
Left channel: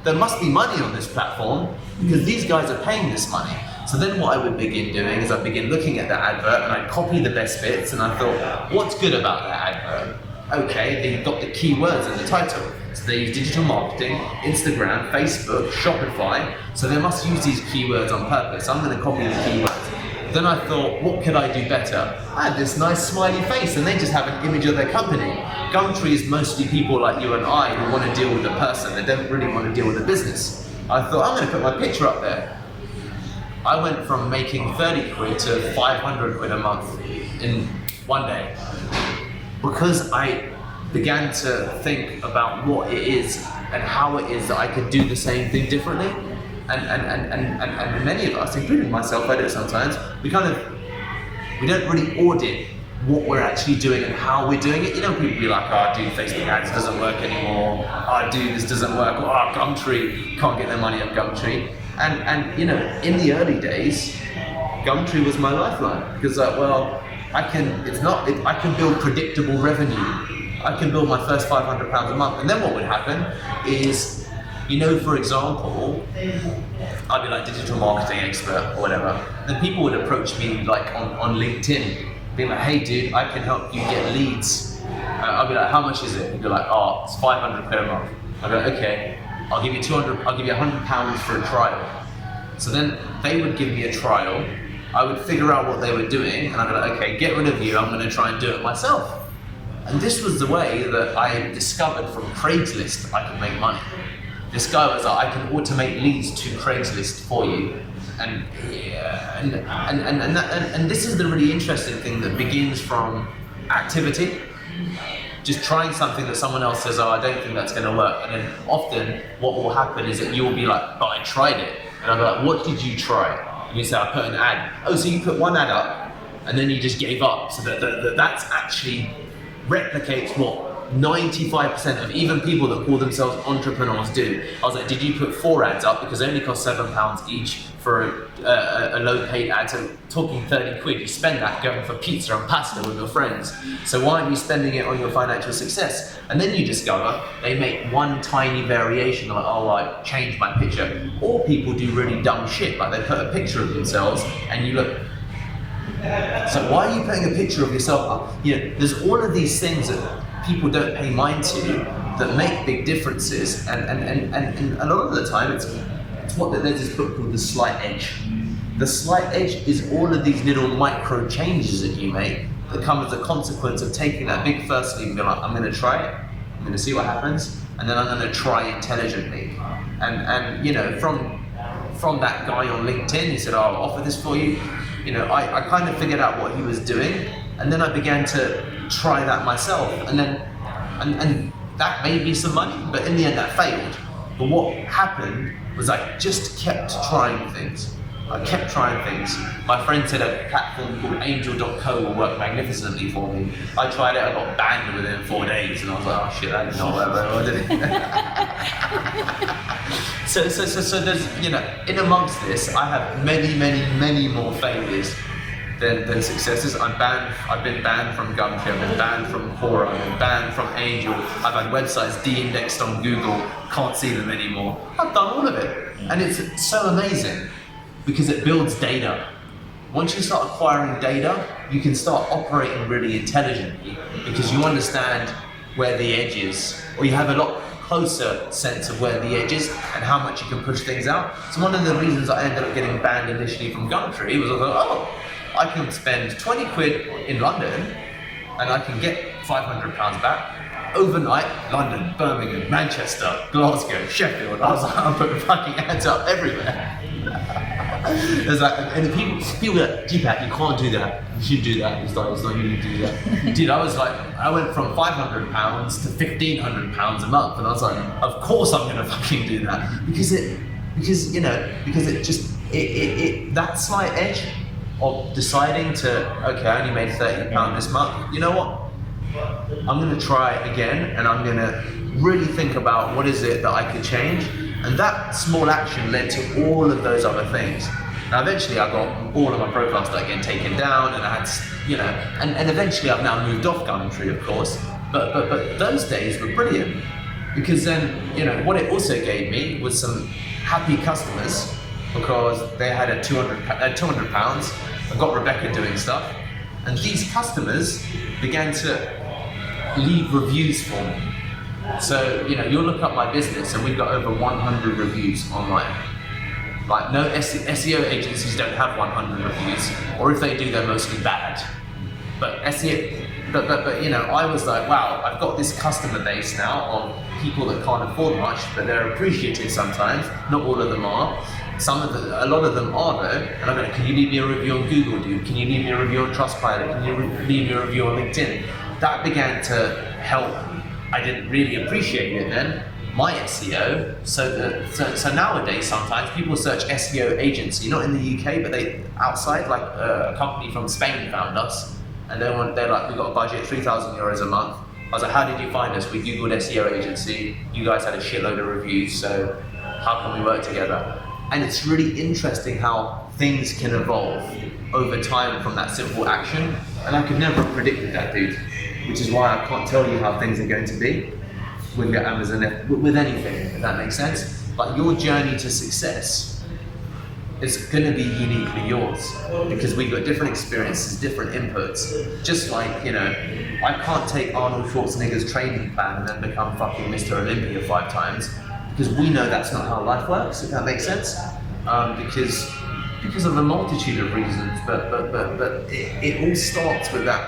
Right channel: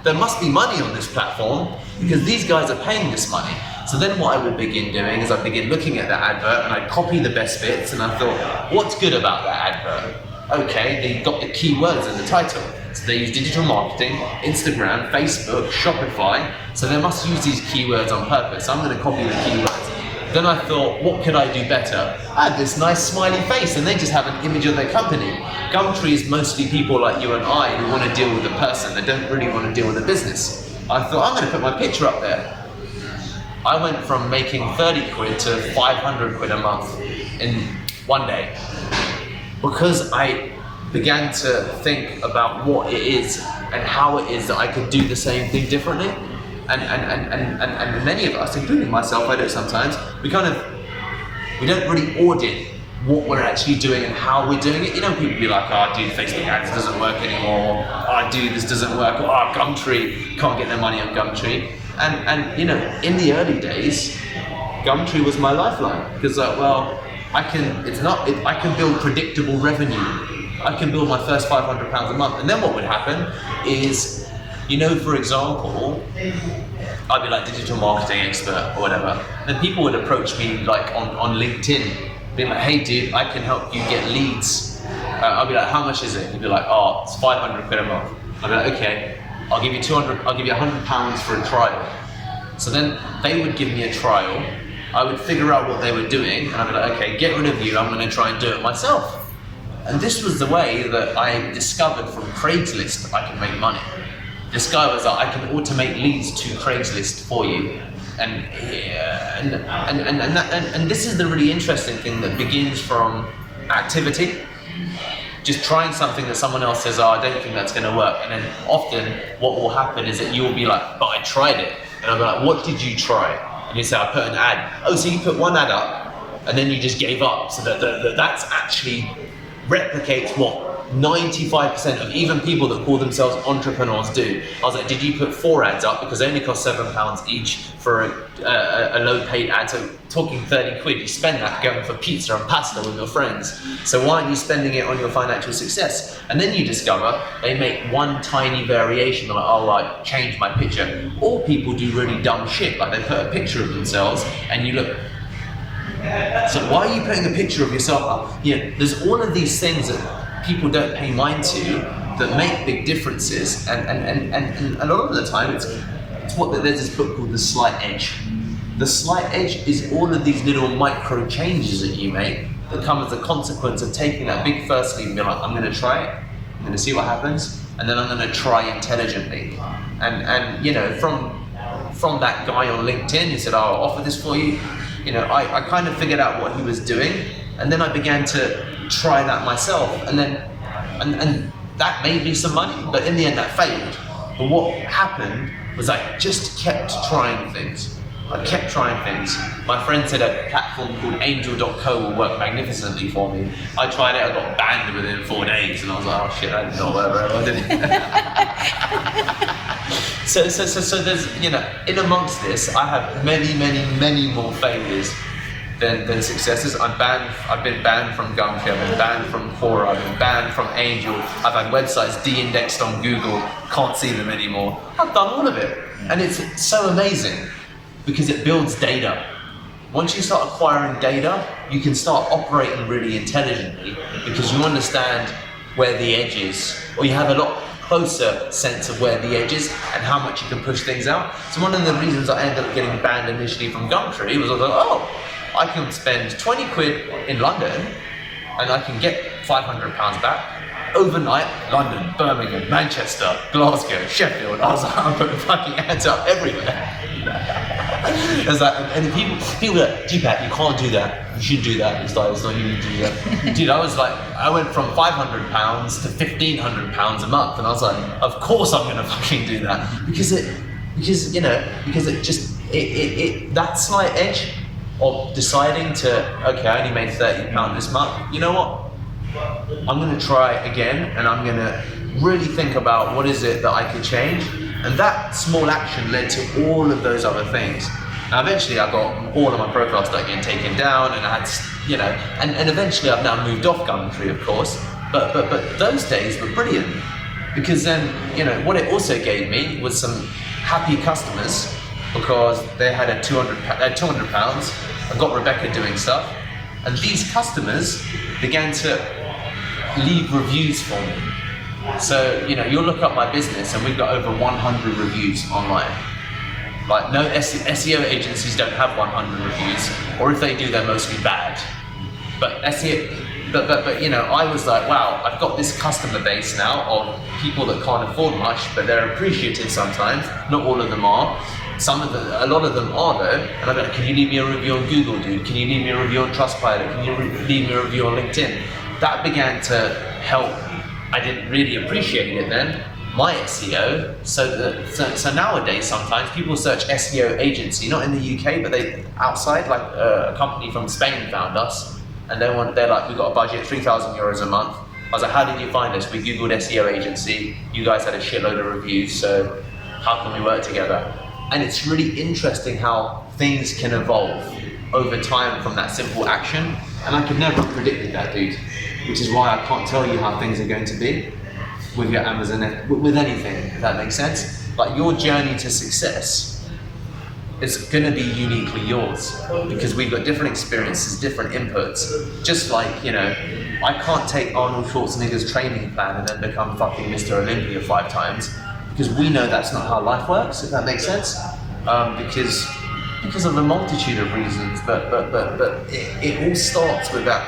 there must be money on this platform because these guys are paying this money. So then what I would begin doing is I'd begin looking at the advert and I'd copy the best bits, and I thought, what's good about that advert? Okay, they got the keywords in the title. So they use digital marketing, Instagram, Facebook, Shopify. So they must use these keywords on purpose. I'm going to copy the keywords. Then I thought, what could I do better? I had this nice smiley face, and they just have an image of their company. Gumtree is mostly people like you and I who want to deal with the person. They don't really want to deal with the business. I thought, I'm going to put my picture up there. I went from making 30 quid to 500 quid a month in one day, because I began to think about what it is and how it is that I could do the same thing differently. And many of us, including myself, I do it sometimes, we don't really audit what we're actually doing and how we're doing it. You know, people be like, oh dude, Facebook ads doesn't work anymore. Oh dude, this doesn't work. Oh, Gumtree, can't get no money on Gumtree. And you know, in the early days, Gumtree was my lifeline, because like, well, I can build predictable revenue. I can build my first £500 a month. And then what would happen is, you know, for example, I'd be like digital marketing expert or whatever. Then people would approach me like on LinkedIn, being like, hey dude, I can help you get leads. I'll be like, how much is it? He'd be like, oh, it's 500 quid a month. I'd be like, okay, I'll give you £100 for a trial. So then they would give me a trial. I would figure out what they were doing, and I'd be like, okay, get rid of you, I'm going to try and do it myself. And this was the way that I discovered from Craigslist I could make money. Discovered that I can automate leads to Craigslist for you. And this is the really interesting thing that begins from activity. Just trying something that someone else says, oh, I don't think that's going to work. And then often what will happen is that you'll be like, but I tried it. And I'll be like, what did you try? And you say, I put an ad. Oh, so you put one ad up and then you just gave up. So that's actually replicates what 95% of even people that call themselves entrepreneurs do. I was like, did you put 4 ads up? Because they only cost £7 each for a low paid ad. So talking 30 quid, you spend that going for pizza and pasta with your friends. So why aren't you spending it on your financial success? And then you discover they make one tiny variation. They're like, oh, I changed my picture. Or people do really dumb shit, like they put a picture of themselves and you look. So why are you putting a picture of yourself up? You know, there's all of these things that people don't pay mind to that make big differences, and a lot of the time it's what there's this book called The Slight Edge. The Slight Edge is all of these little micro changes that you make that come as a consequence of taking that big first leap and being like, I'm going to try it, I'm going to see what happens, and then I'm going to try intelligently. And you know, from that guy on LinkedIn who said, oh, I'll offer this for you, you know, I kind of figured out what he was doing, and then I began to try that myself, and then and that made me some money, but in the end that failed. But what happened was I just kept trying things. I kept trying things. My friend said a platform called angel.co will work magnificently for me. I tried it, I got banned within 4 days, and I was like, oh shit, that did not work very well, did it? So there's, you know, in amongst this, I have many more failures. than successes. I've been banned from Gumtree, I've been banned from Quora, I've been banned from Angel, I've had websites de-indexed on Google, can't see them anymore. I've done all of it. And it's so amazing because it builds data. Once you start acquiring data, you can start operating really intelligently because you understand where the edge is, or you have a lot closer sense of where the edge is and how much you can push things out. So one of the reasons I ended up getting banned initially from Gumtree was I was like, oh, I can spend 20 quid in London and I can get £500 back. Overnight, London, Birmingham, Manchester, Glasgow, Sheffield. I was like, I'm putting fucking ads up everywhere. There's like, and people are like, Deepak, you can't do that. You should do that. It's like, it's not you to do that. Dude, I went from £500 to £1,500 a month, and I was like, of course I'm gonna fucking do that because that slight edge of deciding to, okay, I only made £30 this month. You know what? I'm gonna try again, and I'm gonna really think about what is it that I could change. And that small action led to all of those other things. Now eventually I got all of my profiles started getting taken down, and I had, and eventually I've now moved off Gumtree, of course. But those days were brilliant because then, what it also gave me was some happy customers because they had £200. I got Rebecca doing stuff, and these customers began to leave reviews for me. So, you'll look up my business and we've got over 100 reviews online. Like, no SEO agencies don't have 100 reviews, or if they do, they're mostly bad. But I was like, wow, I've got this customer base now of people that can't afford much, but they're appreciative sometimes. Not all of them are. A lot of them are though. And I'm like, can you leave me a review on Google, dude? Can you leave me a review on Trustpilot? Can you leave me a review on LinkedIn? That began to help. I didn't really appreciate it then, my SEO. So nowadays, sometimes people search SEO agency, not in the UK, but they outside, like a company from Spain found us, and they're like, we got a budget, €3,000 a month. I was like, how did you find us? We Googled SEO agency. You guys had a shitload of reviews, so how can we work together? And it's really interesting how things can evolve over time from that simple action. And I could never have predicted that, dude. Which is why I can't tell you how things are going to be with your Amazon, with anything, if that makes sense. Like, your journey to success is going to be uniquely yours because we've got different experiences, different inputs. Just like, I can't take Arnold Schwarzenegger's training plan and then become fucking Mr. Olympia 5 times because we know that's not how life works, if that makes sense. Because of a multitude of reasons, but it all starts with that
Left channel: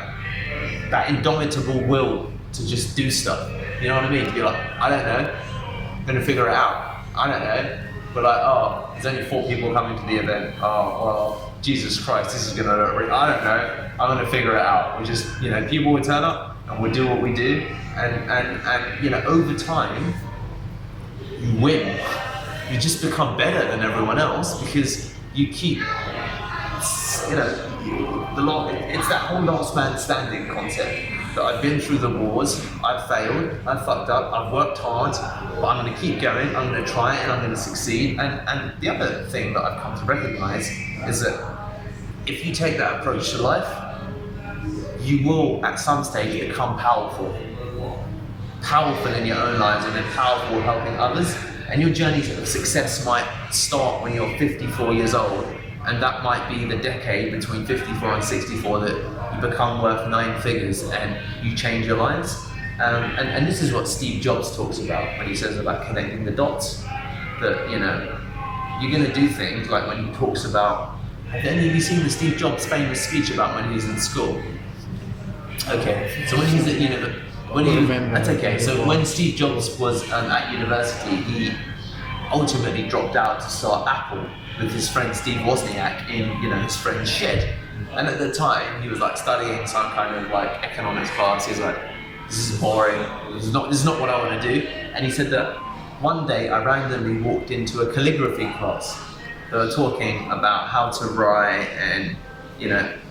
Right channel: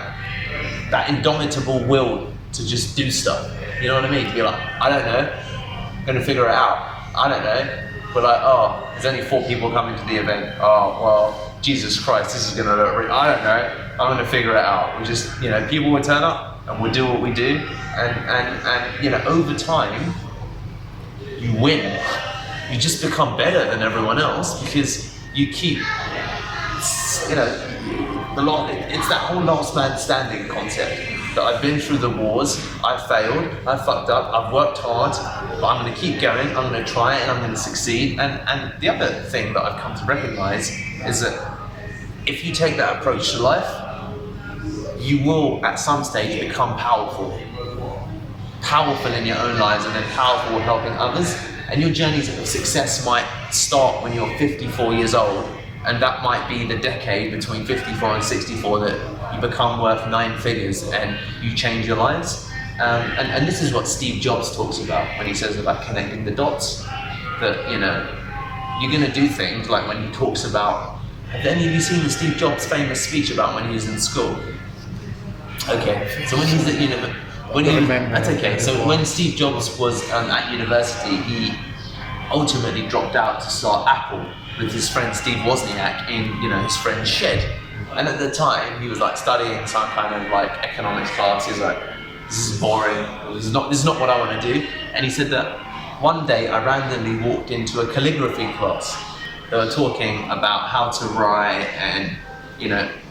indomitable will to just do stuff. You know what I mean? You're like, I don't know, I'm gonna figure it out. I don't know. But like, oh, there's only 4 people coming to the event. Oh, well, Jesus Christ, this is gonna look I don't know. I'm gonna figure it out. We just, people will turn up and we'll do what we do. And over time, you win. You just become better than everyone else because you keep, it's that whole last man standing concept that I've been through the wars, I've failed, I've fucked up, I've worked hard, but I'm going to keep going, I'm going to try it, and I'm going to succeed. And the other thing that I've come to recognize is that if you take that approach to life, you will at some stage become powerful. Powerful in your own lives and then powerful helping others. And your journey of success might start when you're 54 years old. And that might be the decade between 54 and 64 that you become worth 9 figures and you change your lives. And this is what Steve Jobs talks about when he says about connecting the dots. That, you're going to do things like when he talks about, have any of you seen the Steve Jobs famous speech about when he was in school? Okay, so when he's at that's okay. So when Steve Jobs was at university, he ultimately dropped out to start Apple with his friend Steve Wozniak in his friend's shed. And at the time, he was like studying some kind of like economics class. He's like, this is boring. This is not what I want to do. And he said that one day I randomly walked into a calligraphy class. They were talking about how to write and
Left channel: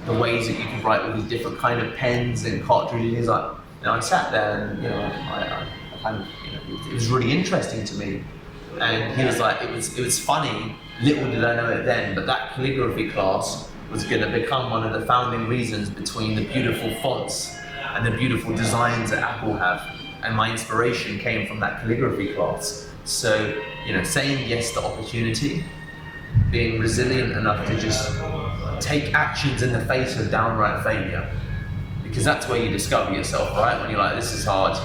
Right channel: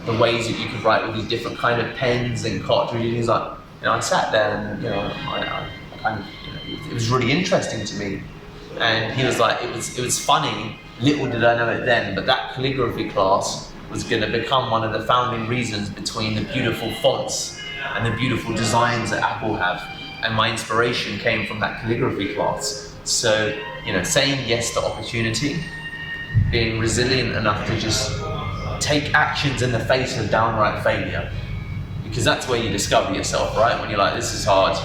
the ways that you could write with these different kind of pens and cartridges. He's like, I sat there and I kind of it was really interesting to me. And he was like, it was funny. Little did I know it then, but that calligraphy class was going to become one of the founding reasons between the beautiful fonts and the beautiful designs that Apple have. And my inspiration came from that calligraphy class. So, you know, saying yes to opportunity, being resilient enough to just take actions in the face of downright failure. Because that's where you discover yourself, right? When you're like, this is hard,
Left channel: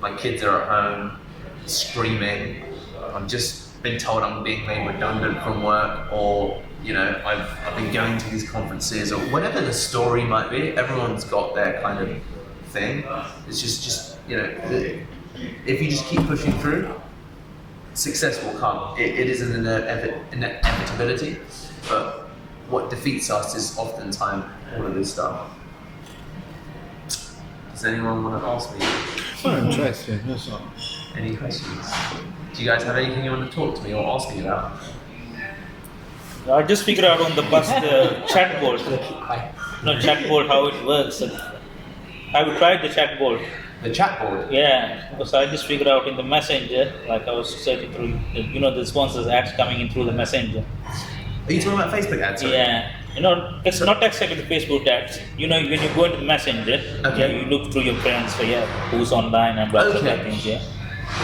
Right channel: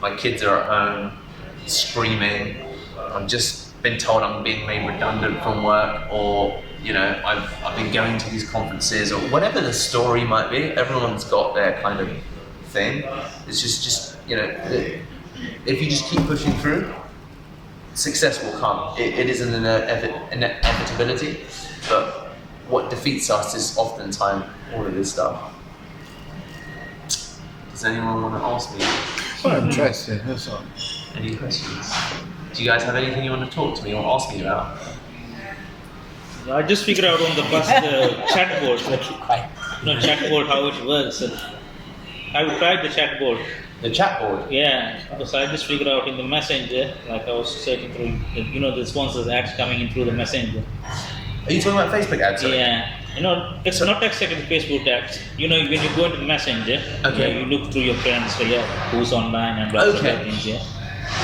my kids are at home, screaming, I've just been told I'm being made redundant from work, or, you know, I've been going to these conferences, or whatever the story might be. Everyone's got their kind of thing. It's just you know, if you just keep pushing through, success will come. It is an inevitability, but what defeats us is oftentimes all of this stuff. Does anyone want to ask me? So interesting. Yes, sir. Any questions? Do you guys have anything you want to talk to me or ask me about? I just figured out on the bus the chatbot. Keep quiet. No, chatbot, how it works. I tried the chatbot. The chat board? Yeah, because I just figured out in the messenger, like I was searching through, you know, the sponsors ads coming in through the messenger. Are you talking about Facebook ads? Sorry? Yeah, you know, it's not exactly the Facebook ads. You know, when you go into messenger, Okay. you look through your friends, so yeah, who's online and blah, blah, Okay. blah things, yeah.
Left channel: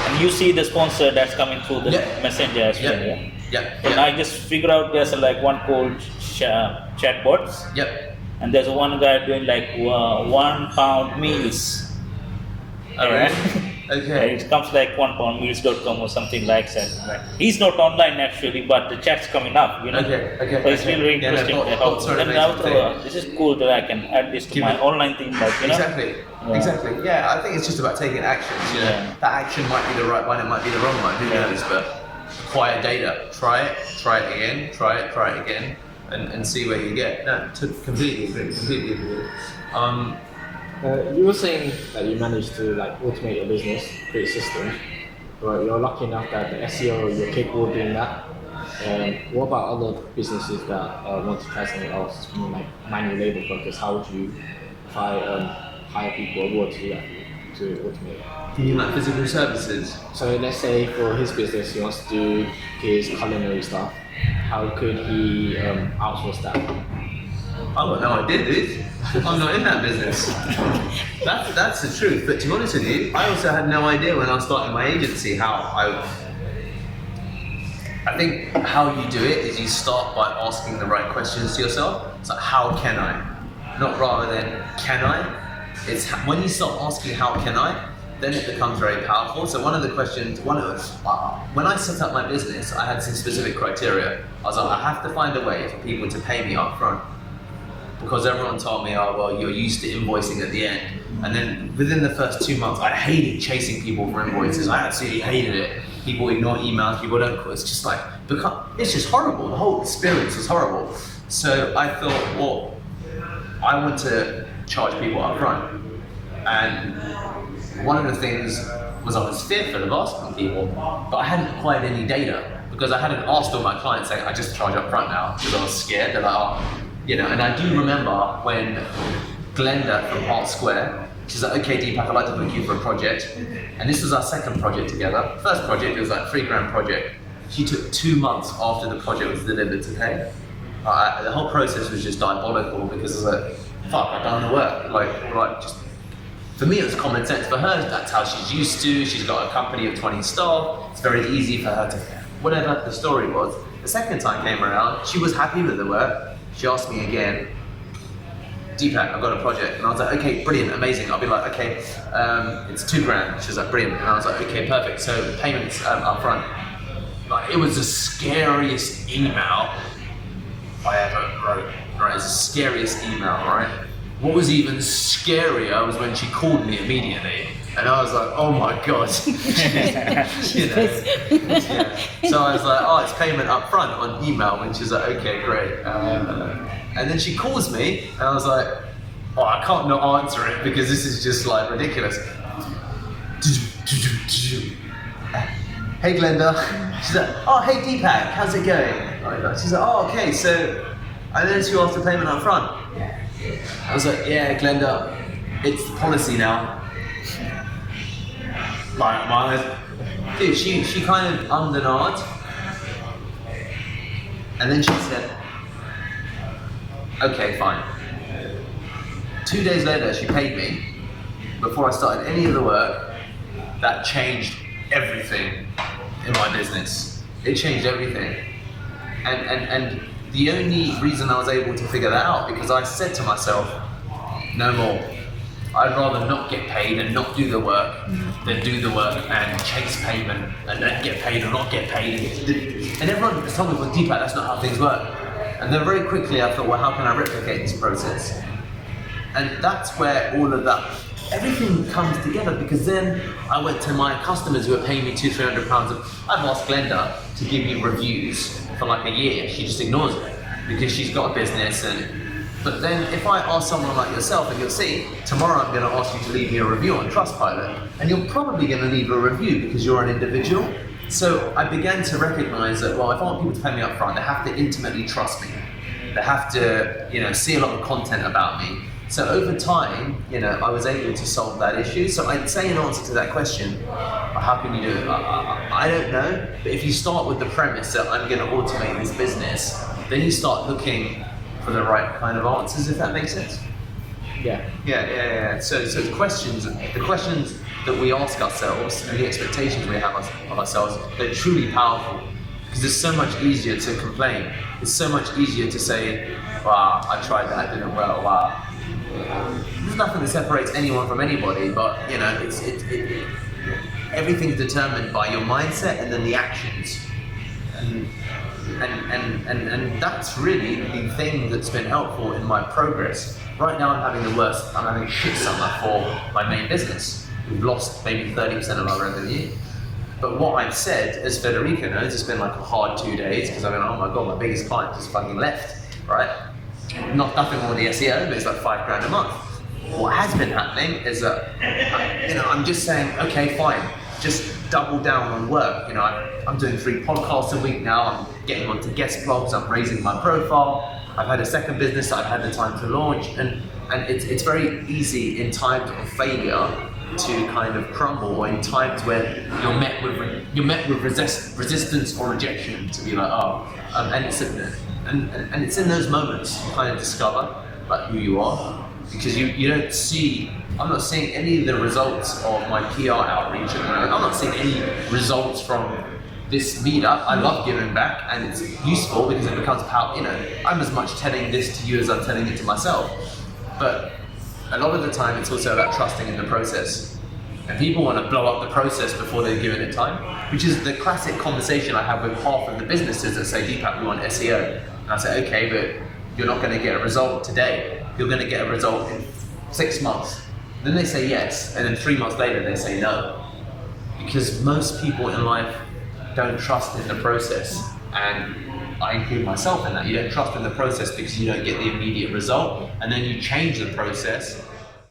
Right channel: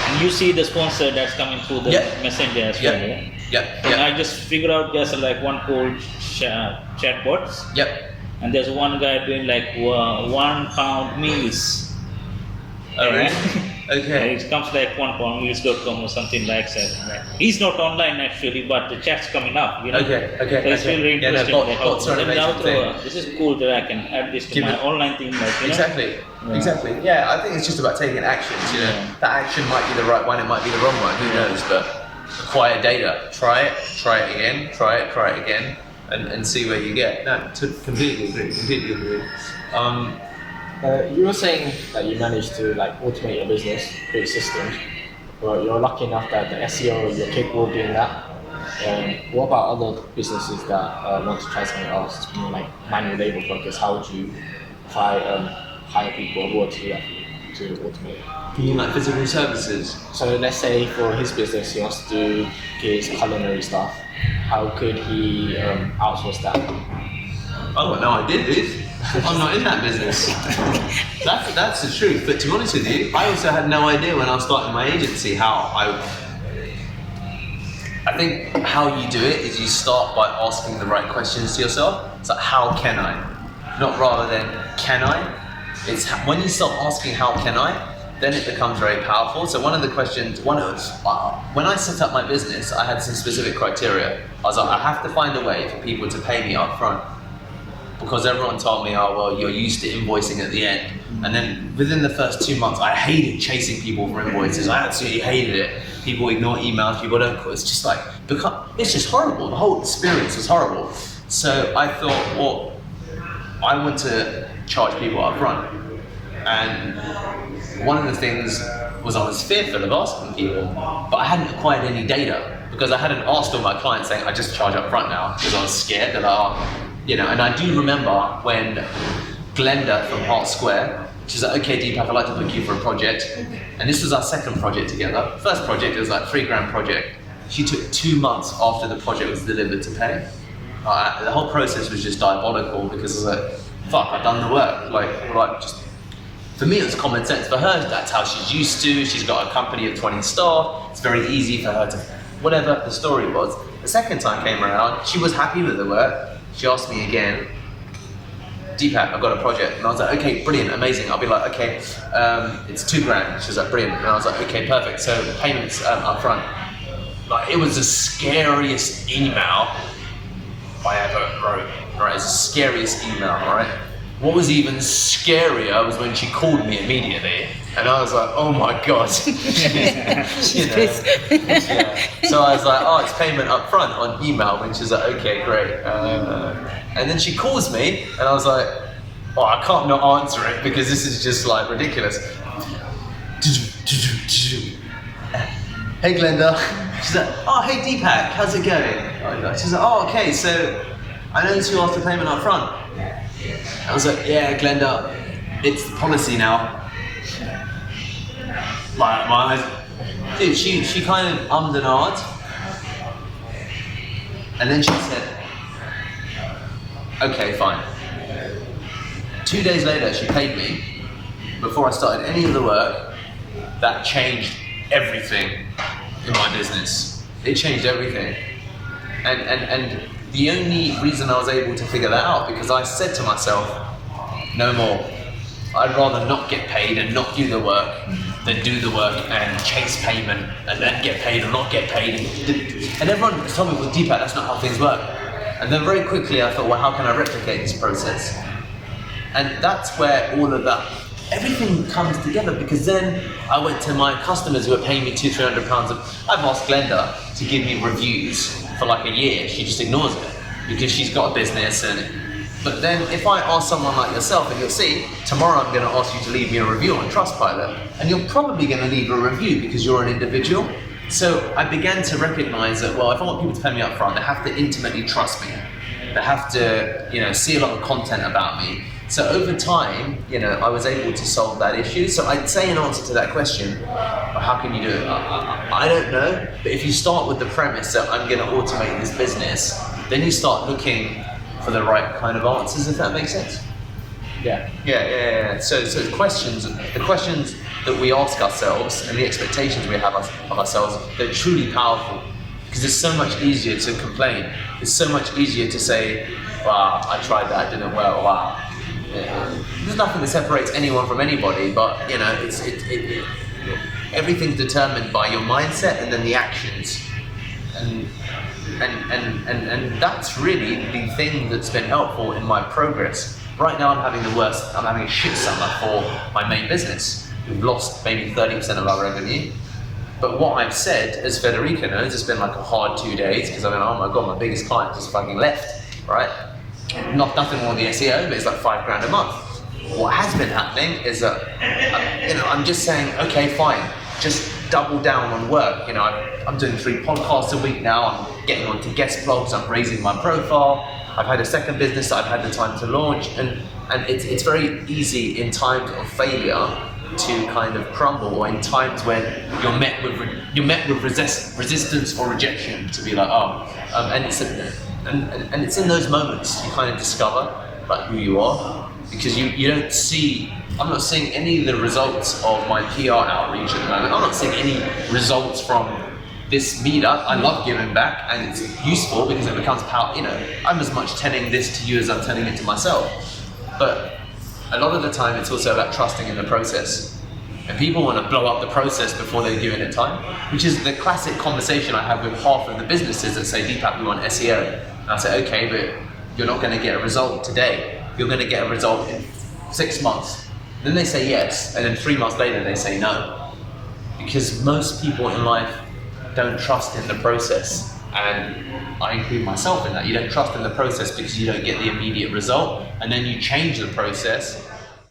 And you see the sponsor that's coming through the Yep. messenger as well, Yep. yeah. Yep. And I Yep. just figured out there's like one called chatbots, Yep. and there's one guy doing like £1 meals. Alright. Okay. It comes like £1meals.com or something like that. He's not online actually, but the chat's coming up. You know? Okay, okay, So it's okay. really Yeah, no, interesting. bots are an Then amazing now thing. this is cool that I can add this to Give my it- online thing, like, you know? Exactly. Yeah. Exactly. Yeah, I think it's just about taking actions, you know. Yeah. That action might be the right one, it might be the wrong one, who knows, but acquire data. Try it again, try it again, and see where you get. No, completely agree. You were saying that you managed to like automate your business, create systems, but you're lucky enough that the SEO, you're capable of doing that. What about other businesses that want to try something else, it's more like manual labor focus? How would you hire people abroad to do that for you, to automate it? You mean like physical services? So let's say for his business, he wants to do his culinary stuff. How could he outsource that? I've got no idea, dude. I'm not in that business. That's the truth. But to be honest with you, I also had no idea when I was starting my agency how I think how you do it is you start by asking the right questions to yourself. It's like, how can I? Not rather than can I? It's when you start asking how can I, then it becomes very powerful. So one of the questions, when I set up my business, I had some specific criteria. I was like, I have to find a way for people to pay me up front. Because everyone told me, oh, well, you're used to invoicing at the end. And then within the first 2 months, I hated chasing people for invoices. I absolutely hated it. People ignore emails, people don't call. It's just like, it's just horrible. The whole experience was horrible. So I thought, well, I want to charge people up front. And one of the things was I was fearful of asking people, but I hadn't acquired any data because I hadn't asked all my clients saying, I just charge up front now because I was scared. They're like, oh, you know, and I do remember when Glenda from Heart Square, she's like, okay, Deepak, I'd like to book you for a project. And this was our second project together. First project, it was like $3,000 project. She took 2 months after the project was delivered to pay. The whole process was just diabolical because I was like, fuck, I've done the work. Like just, for me, it was common sense. For her, that's how she's used to. She's got a company of 20 staff. It's very easy for her to, whatever the story was. The second time came around, she was happy with the work. She asked me again, Deepak, I've got a project. And I was like, okay, brilliant, amazing. I'll be like, okay, it's $2,000. She was like, brilliant. And I was like, okay, perfect. So payments up front. Like, it was the scariest email I ever wrote. Right, it's the scariest email, right? What was even scarier was when she called me immediately. And I was like, oh my God. You know, yeah. So I was like, oh, it's payment up front on email. And she's like, okay, great. And then she calls me and I was like, oh, I can't not answer it because this is just like ridiculous. Hey Glenda. She's like, oh, hey Deepak, how's it going? She's like, oh, okay, so I noticed you asked for payment up front. I was like, yeah, Glenda, it's the policy now. My eyes, dude, she kind of ummed and ahed. And then she said, okay, fine. 2 days later, she paid me before I started any of the work. That changed everything in my business. It changed everything. And the only reason I was able to figure that out, because I said to myself, no more. I'd rather not get paid and not do the work than do the work and chase payment and then get paid or not get paid. And everyone told me, well, Deepak, that's not how things work. And then very quickly I thought, well, how can I replicate this process? And that's where all of that, everything comes together, because then I went to my customers who are paying me £200-300. I've asked Glenda to give me reviews for like a year. She just ignores it because she's got a business. But then if I ask someone like yourself, and you'll see, tomorrow I'm going to ask you to leave me a review on Trustpilot, and you're probably going to leave a review because you're an individual. So I began to recognize that, well, if I want people to pay me up front, they have to intimately trust me. They have to, see a lot of content about me. So over time, I was able to solve that issue. So I'd say in answer to that question, how can you do it? I don't know. But if you start with the premise that I'm going to automate this business, then you start looking for the right kind of answers, if that makes sense. Yeah. So the questions that we ask ourselves and the expectations we have of ourselves, they're truly powerful, because it's so much easier to complain. It's so much easier to say, wow, I tried that, it didn't work, wow. There's nothing that separates anyone from anybody, but everything's determined by your mindset and then the actions. And that's really the thing that's been helpful in my progress. Right now I'm having a shit summer for my main business. We've lost maybe 30% of our revenue. But what I've said, as Federica knows, it's been like a hard 2 days, because I mean, oh my God, my biggest client just fucking left, right? Nothing wrong with the SEO, but it's like $5,000 a month. What has been happening is that, I'm just saying, okay, fine, just double down on work. I'm doing 3 podcasts a week now. I'm getting onto guest blogs. I'm raising my profile. I've had a second business that I've had the time to launch, and it's very easy in times of failure to kind of crumble, or in times when you're met with resistance or rejection, to be like, and it's in those moments you kind of discover like who you are, because you don't see. I'm not seeing any of the results of my PR outreach at the moment. I'm not seeing any results from this meetup. I love giving back, and it's useful because it becomes power. I'm as much telling this to you as I'm telling it to myself. But a lot of the time, it's also about trusting in the process. And people want to blow up the process before they're given it time, which is the classic conversation I have with half of the businesses that say, Deepak, we want SEO. And I say, okay, but you're not going to get a result today. You're going to get a result in 6 months. Then they say yes, and then 3 months later they say no. Because most people in life don't trust in the process. And I include myself in that. You don't trust in the process because you don't get the immediate result, and then you change the process